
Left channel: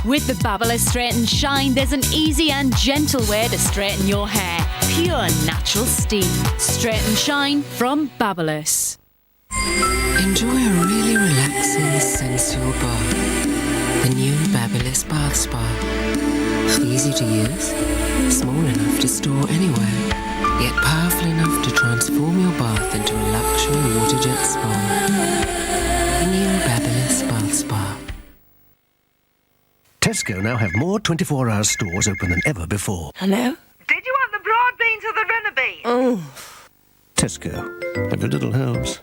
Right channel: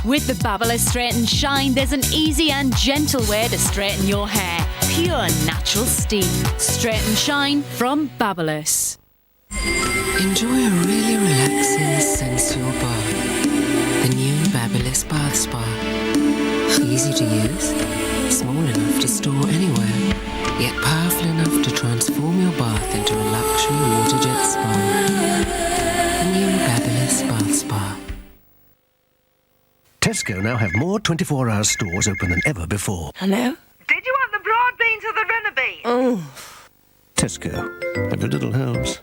With the Babyliss Straight and Shine, there's an easy and gentle way to straighten your hair. Pure natural steam. Straight and Shine from Babyliss. Enjoy a really relaxing, sensual bath. The new Babyliss Bath Spa. Easy to use, small enough to store anywhere, yet powerful enough to transform your bath into a luxury water jet spa. The new Babyliss Bath Spa. Tesco now have more 24-hour stores open than ever before. Hello? Did you want the broad beans or the runner beans? Oh. Tesco. Every little helps.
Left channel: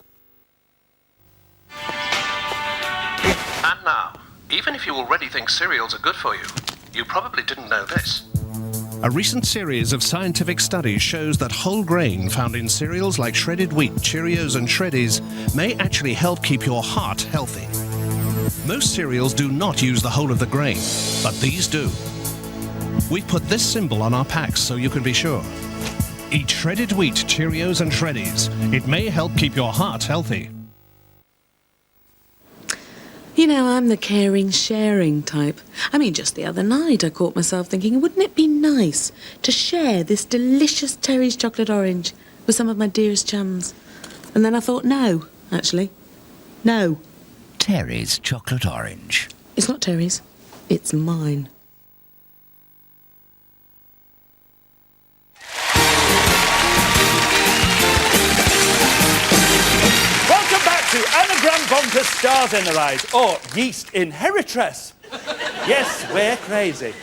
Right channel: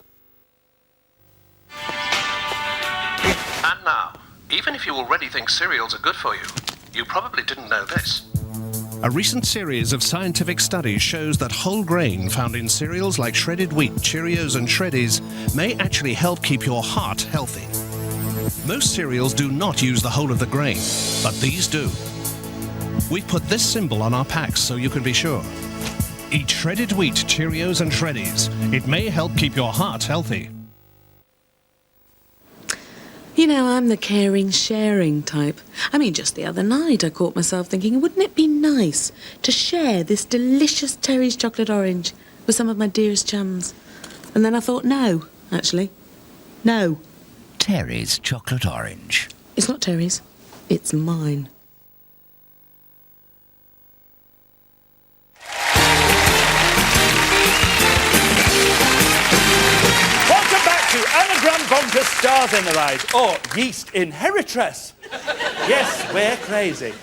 And now, even if you already think cereals are good for you, you probably didn't know this. A recent series of scientific studies shows that whole grain found in cereals like shredded wheat, Cheerios and Shreddies may actually help keep your heart healthy. Most cereals do not use the whole of the grain, but these do. We've put this symbol on our packs so you can be sure. Eat shredded wheat, Cheerios and Shreddies. It may help keep your heart healthy. You know, I'm the caring, sharing type. I mean, just the other night I caught myself thinking, wouldn't it be nice to share this delicious Terry's chocolate orange with some of my dearest chums? And then I thought, no, actually. No. Terry's chocolate orange. It's not Terry's. It's mine. Welcome back to Anagram Bonkers Stars in Their Eyes, or Yeast Inheritress. Yes, we're crazy.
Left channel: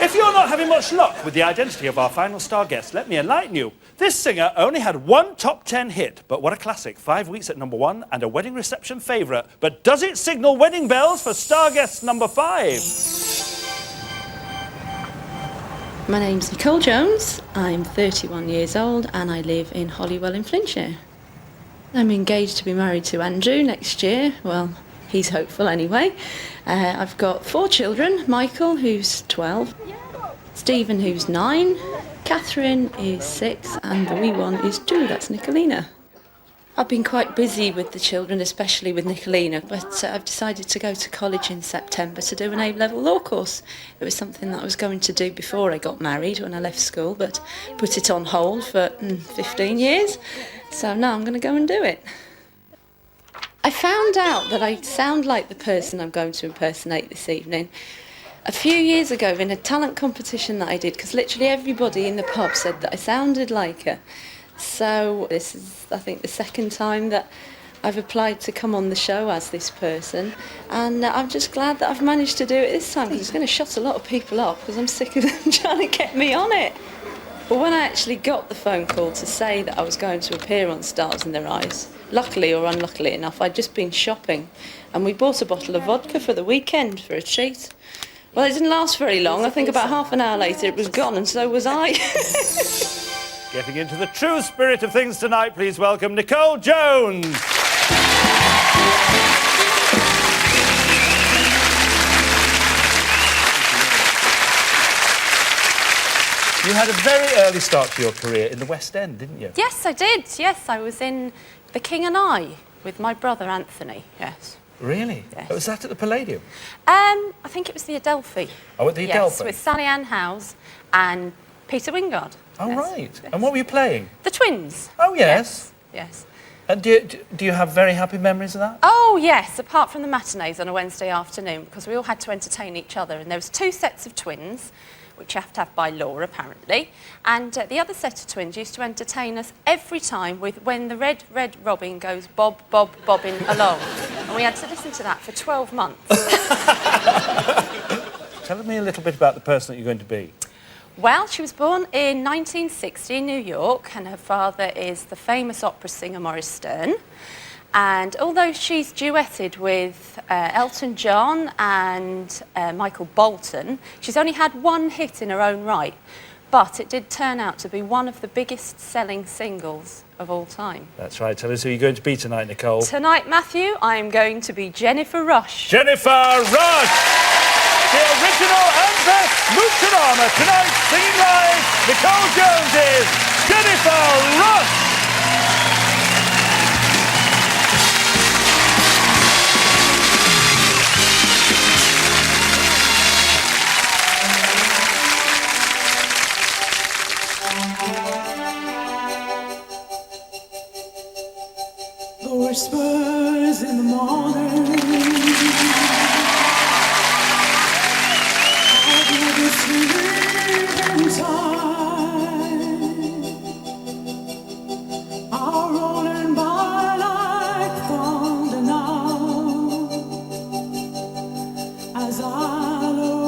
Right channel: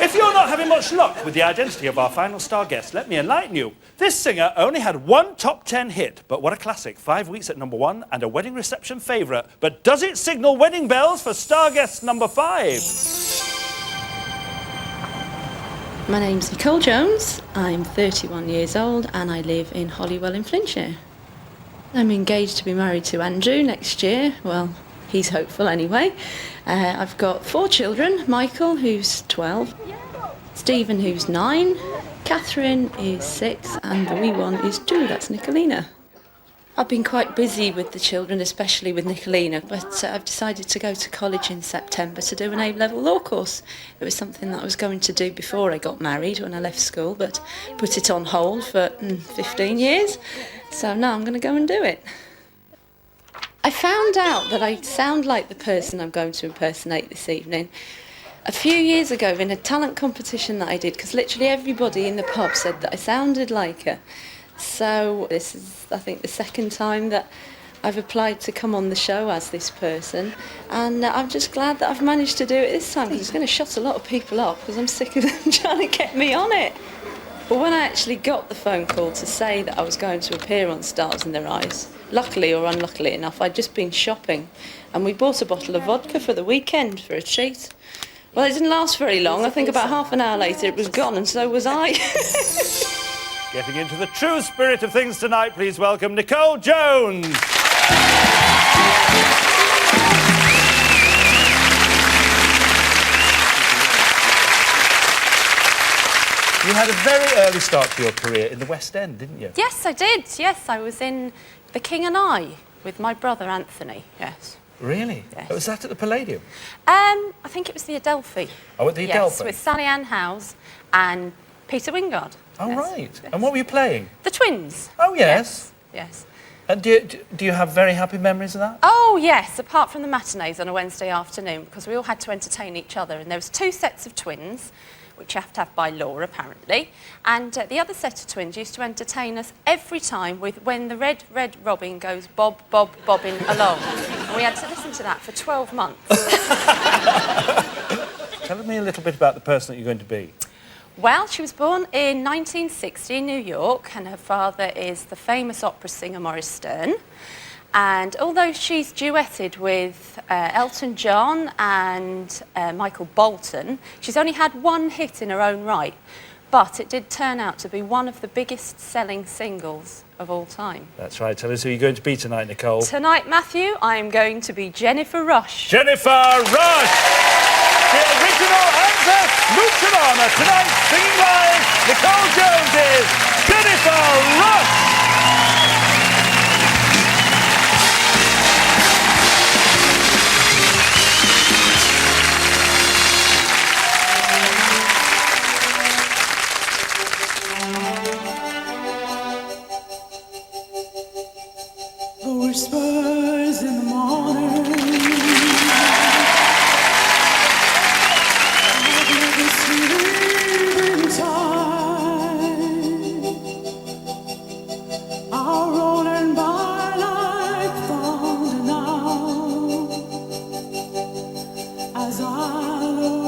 If you're not having much luck with the identity of our final star guest, let me enlighten you. This singer only had one top 10 hit, but what a classic. 5 weeks at #1 and a wedding reception favourite. But does it signal wedding bells for star guest number 5? My name's Nicole Jones, I'm 31 years old and I live in Holywell in Flintshire. I'm engaged to be married to Andrew next year, well, he's hopeful anyway. I've got 4 children, Michael who's 12, Stephen who's 9, Catherine is 6 and the wee one is 2, that's Nicolina. I've been quite busy with the children, especially with Nicolina, but I've decided to go to college in September to do an A-level law course. It was something that I was going to do before I got married when I left school, but put it on hold for 15 years. So now I'm going to go and do it. I found out that I sound like the person I'm going to impersonate this evening a few years ago in a talent competition that I did, because literally everybody in the pub said that I sounded like her. So this is, I think, the second time that I've applied to come on the show as this person, and I'm just glad that I've managed to do it this time, because it's going to shut a lot of people up, because I'm sick of them trying to get me on it. But when I actually got the phone call to say that I was going to appear on Stars in Their Eyes, luckily or unluckily enough, I'd just been shopping, and we bought a bottle of vodka for the weekend for a treat. Well, it didn't last very long. I think about half an hour later it was gone, and so was I. Getting into the true spirit of things tonight, please welcome Nicole Jones. You had a very early start to your career in the West End, didn't you? Yes, I did. Yes, I was in The King and I with my brother Anthony, yes. Really? Yes. Was that at the Palladium? I think it was the Adelphi. Oh, at the Adelphi? Yes, with Sally Ann Howes and Peter Wingard. Oh, yes. right. Yes. And what were you playing? The twins. Oh, yes. Yes. And do you have very happy memories of that? Oh, yes, apart from the matinees on a Wednesday afternoon, because we all had to entertain each other. And there was 2 sets of twins, which you have to have by law, apparently. And the other set of twins used to entertain us every time with When the Red, Red Robin Goes Bob, Bob, Bobbing Along. And we had to listen to that for 12 months. Tell me a little bit about the person that you're going to be. Well, she was born in 1960 in New York, and her father is the famous opera singer Maurice Stern. And although she's duetted with Elton John and Michael Bolton, she's only had 1 hit in her own right. But it did turn out to be one of the biggest selling singles of all time. That's right. Tell us who you're going to be tonight, Nicole. Tonight, Matthew, I'm going to be Jennifer Rush. Jennifer Rush! The original and best Moocherama tonight, singing live, Nicole Jones is Jennifer Rush! The whispers in the morning, I've never seen in time, are rolling by like thunder now, as I look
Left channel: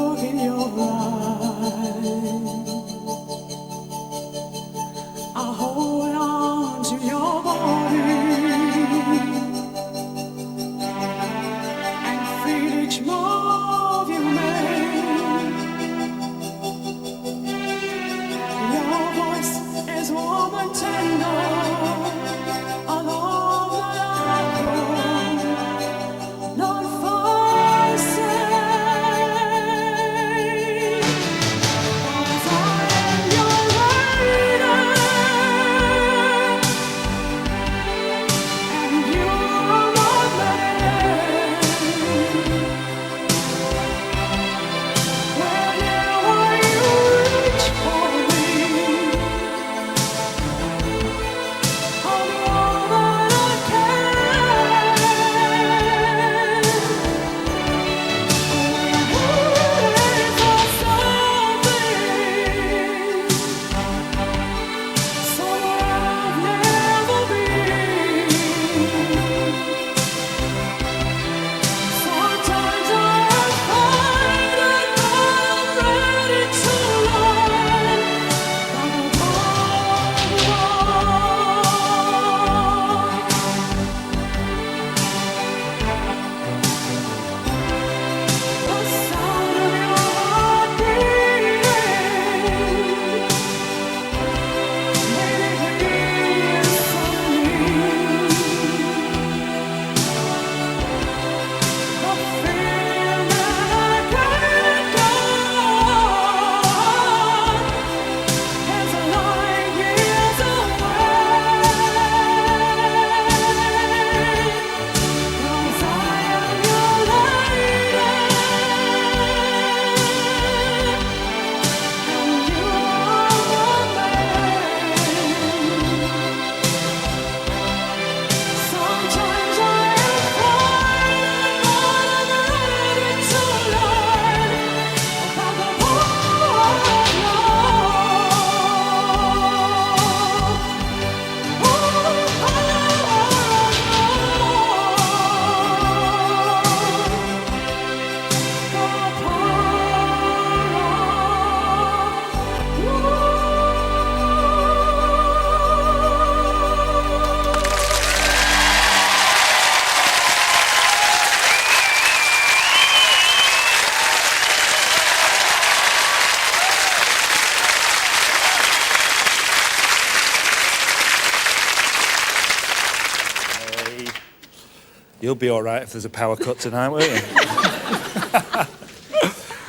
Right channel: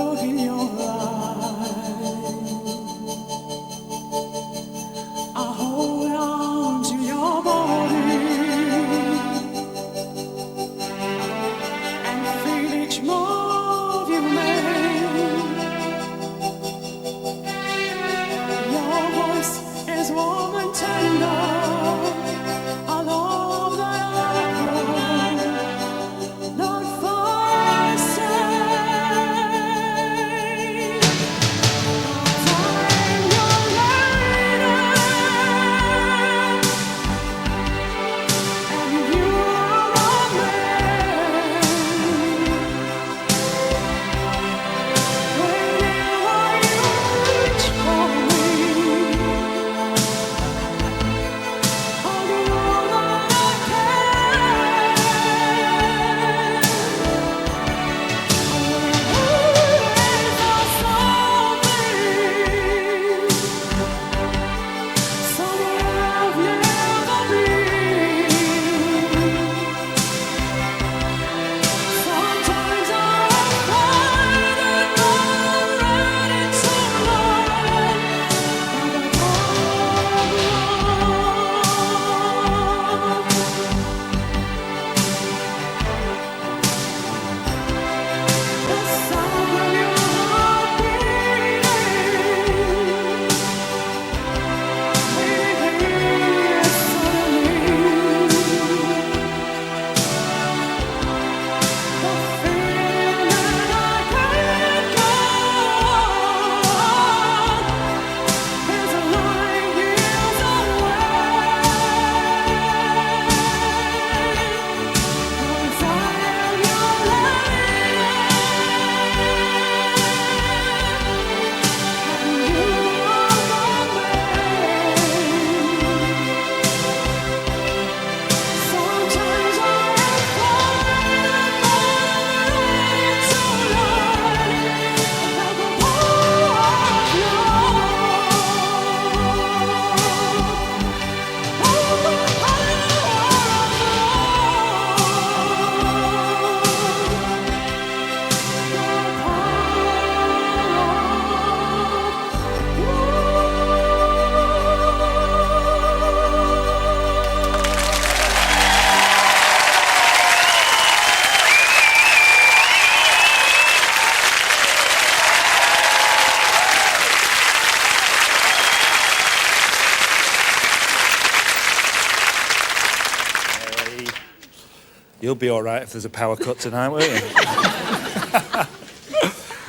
You'll be all right if there's a power cut tonight, won't you?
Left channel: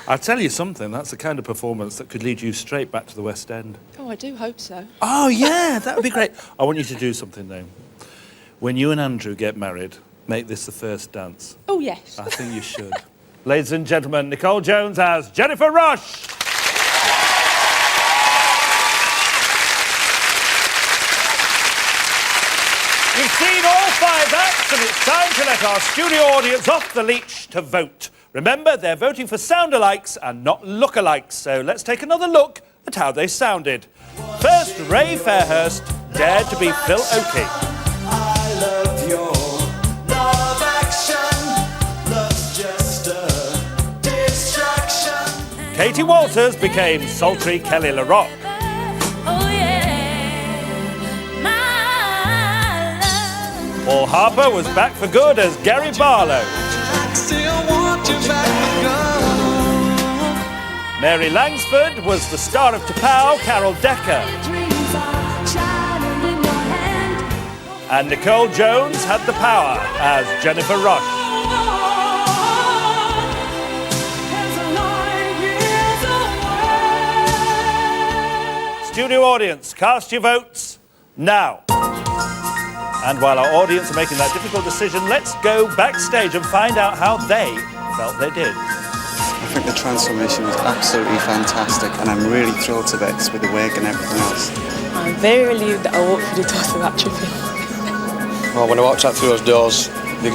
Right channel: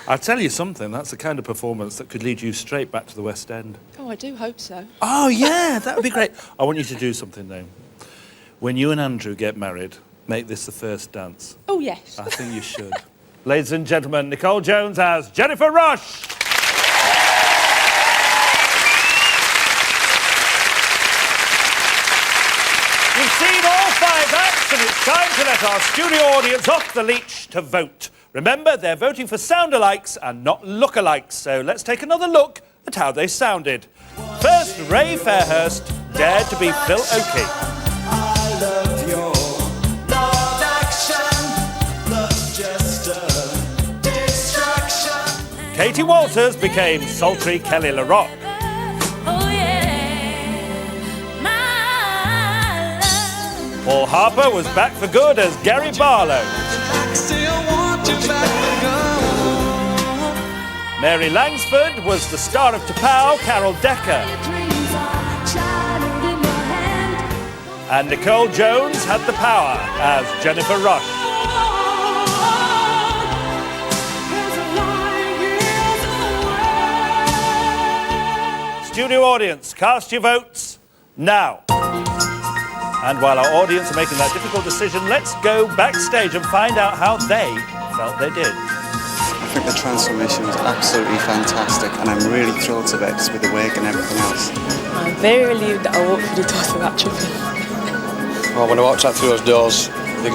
I'll tell you something, that's the kind of performance that could lead you straight back to the West End. Oh, I do hope so. Oh, yeah, that would be great. I want you to do something, though. When you and Andrew get married, make this the first dance. Oh, yes. I think you should. Ladies and gentlemen, Nicole Jones as Jennifer Rush. You've seen all 5 acts, and it's time to let our studio audience off the leash to vote. Remember, they're voting for sound-alikes and not look-alikes, so let's take another look at how they sounded. First, Ray Fairhurst dared to be Phil Oakey. I love your love action, love's just a distraction. Katie Walters became sultry Kelly LaRock. Oh yeah, my love. Paul Harper was back for good as Gary Barlow. Still want you back for good. Mary Langsford was the star of T'Pau, Carol Decker. And Nicole Jones had the power as Jennifer Rush. Studio audience, cast your votes now. And while our audience are making that difficult decision, let's go backstage and find out how they felt they did. I think the transformation was absolutely fantastic, and I'm really thrilled to bits with the wig and everything else. I'm very relieved that I walked through the doors without tripping. Well, when I walked out through those doors, they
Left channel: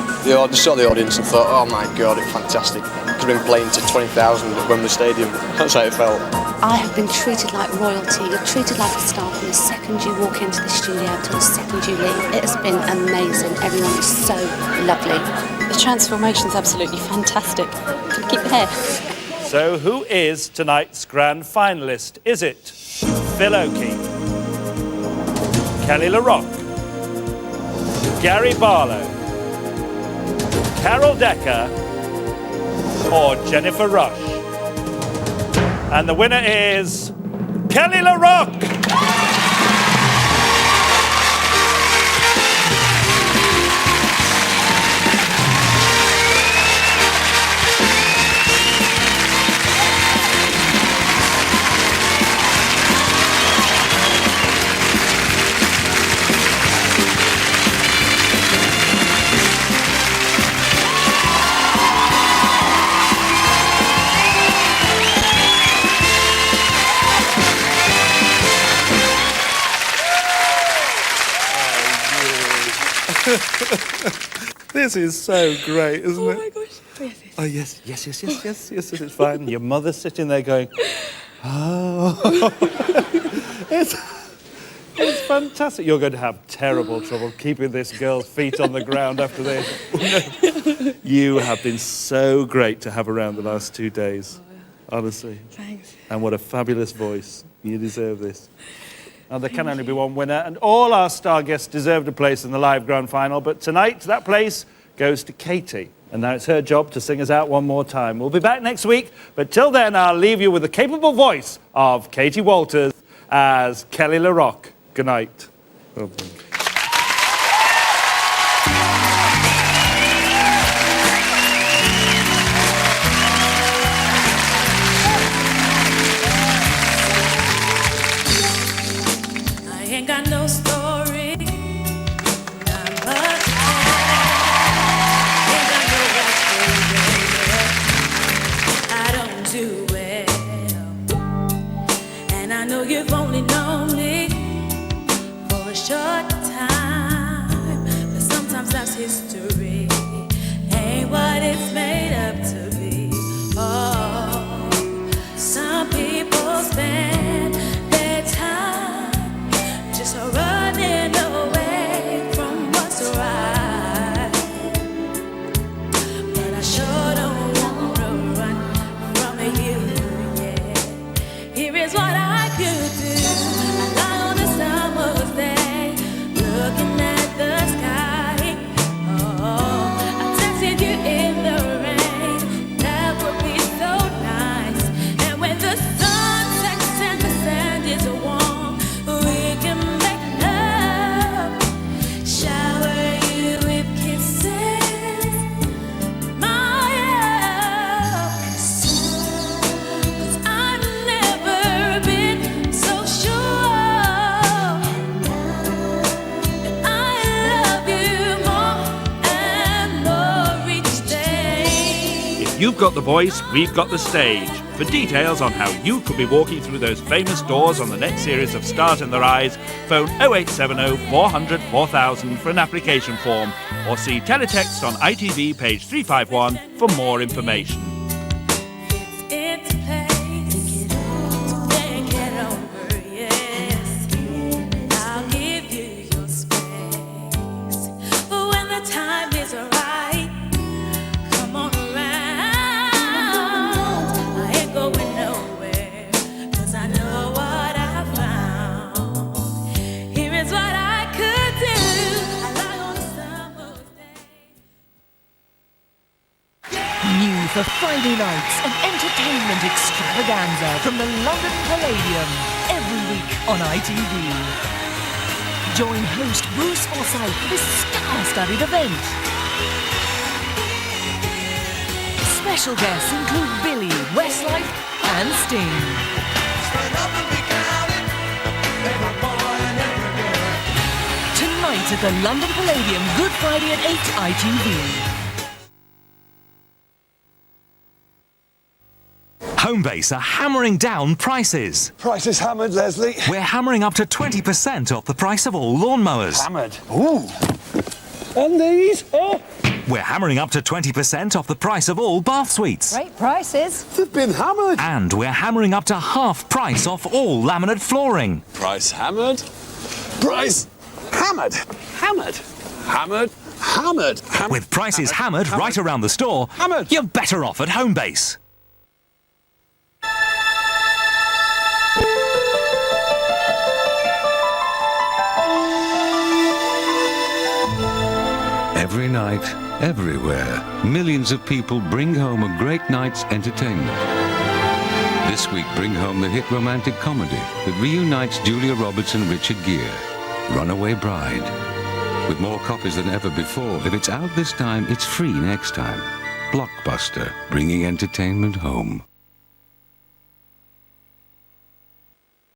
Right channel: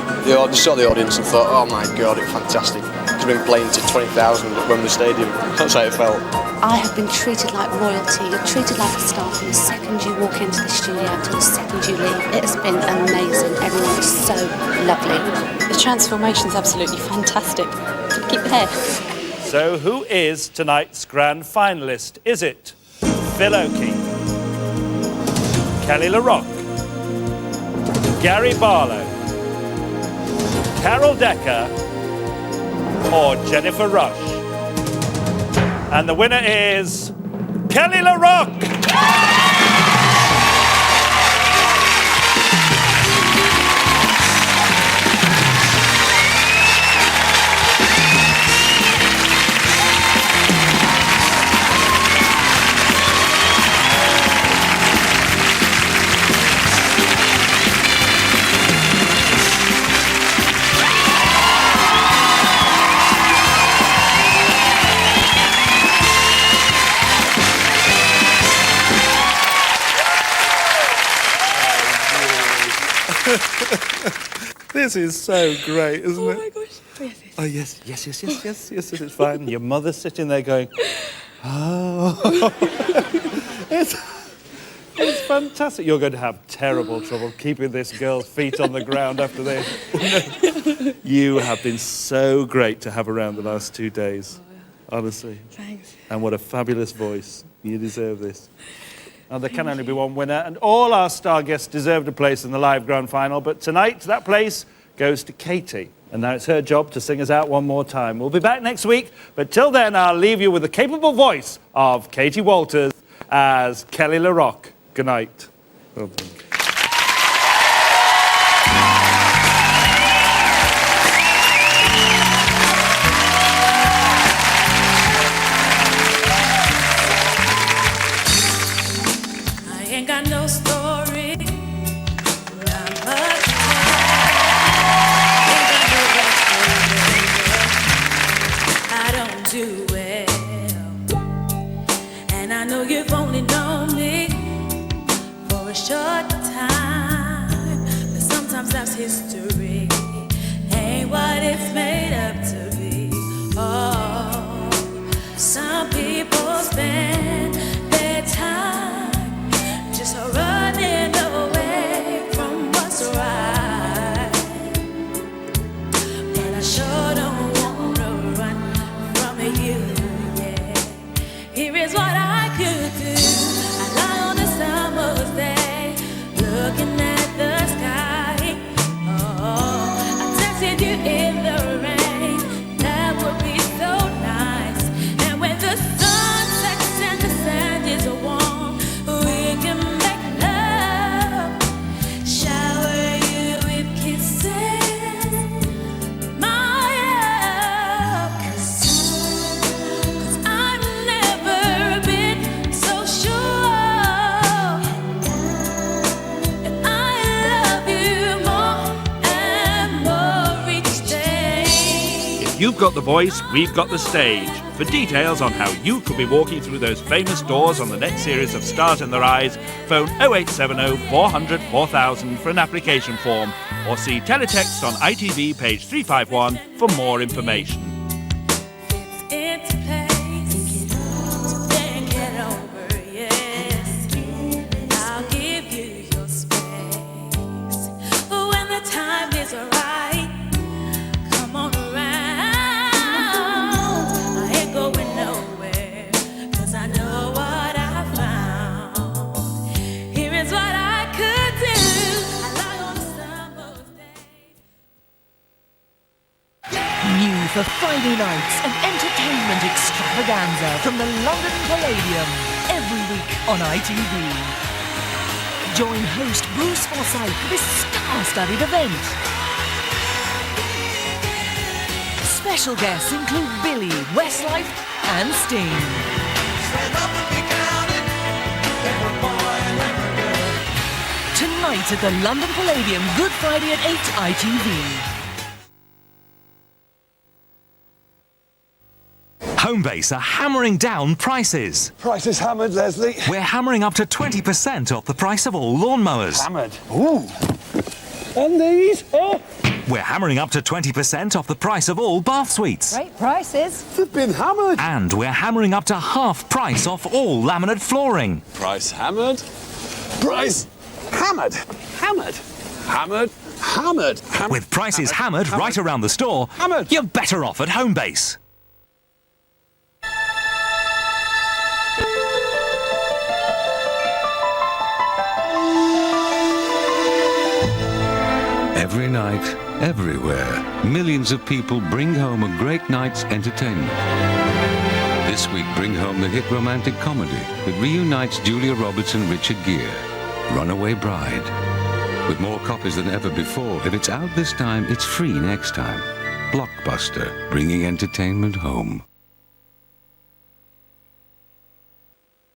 saw the audience and thought, oh my God, it's fantastic. Could have been playing to 20,000 at Wembley Stadium. That's how it felt. I have been treated like royalty. You're treated like a star from the second you walk into the studio until the second you leave. It has been amazing. Everyone is so lovely. The transformation's absolutely fantastic. Can I keep the hair? So who is tonight's grand finalist? Is it Phil Oakey, Kelly LaRock, Gary Barlow, Carol Decker, or Jennifer Rush? And the winner is Kelly LaRock! This is so great, isn't it? Oh my gosh. Oh, yes, it's fine. Your mother's sitting there going, oh. It's fantastic. You're going to have terrible trouble keeping this girl's feet on the ground after this. You have been so great to have around the last 2 days. Honestly. Thanks. And what a fabulous voice. You deserve this. Now, there can only be one winner, and all our star guests deserved a place in the live grand final, but tonight, that place goes to Katie. And now it's her job to sing us out one more time. We'll be back next week, but till then, I'll leave you with the capable voice of Katie Walters as Kelly LaRock. Good night. Well done. Ain't got no story, not much to tell. Ain't got no backstory, baby. I don't do well, and I know you've only known me for a short time, but sometimes that's history, ain't what it's made up to be. Oh, some people spend their time just running away from what's right, but I sure don't wanna run from you, yeah. Here is what I could do. I lie on a summer's day, looking at the sky. Oh, I texted you in the rain, You've got the voice, we've got the stage. For details on how you could be walking through those famous doors on the next series of Stars in Their Eyes, phone 0870 400 4000 for an application form, or see teletext on ITV page 351 for more information. Into place, then get over, yes. I'll give you your space. When the time is right, come on around. I ain't going nowhere, 'cause I know what I found. Here is what I could do. I lie on a summer's New for Friday nights, an entertainment extravaganza from the London Palladium, every week on ITV. Join host Bruce Forsyth for this star-studded event. Special guests include Billy, Westlife and Sting. Tonight at the London Palladium, Good Friday at 8, ITV. Homebase are hammering down prices. Prices hammered, Leslie. We're hammering up to 20% off the price of all lawnmowers. Hammered. Ooh. And these? Oh. We're hammering up to 20% off the price of all bath suites. Great prices. They've been hammered. And we're hammering up to half price off all laminate flooring. Price hammered. Price hammered. Hammered. Hammered. Hammered. Hammered. With prices hammered right around the store, you're better off at Homebase. Every night, everywhere, millions of people bring home a great night's entertainment. This week, bring home the hit romantic comedy that reunites Julia Roberts and Richard Gere, Runaway Bride. With more copies than ever before, if it's out this time, it's free next time. Blockbuster, bringing entertainment home.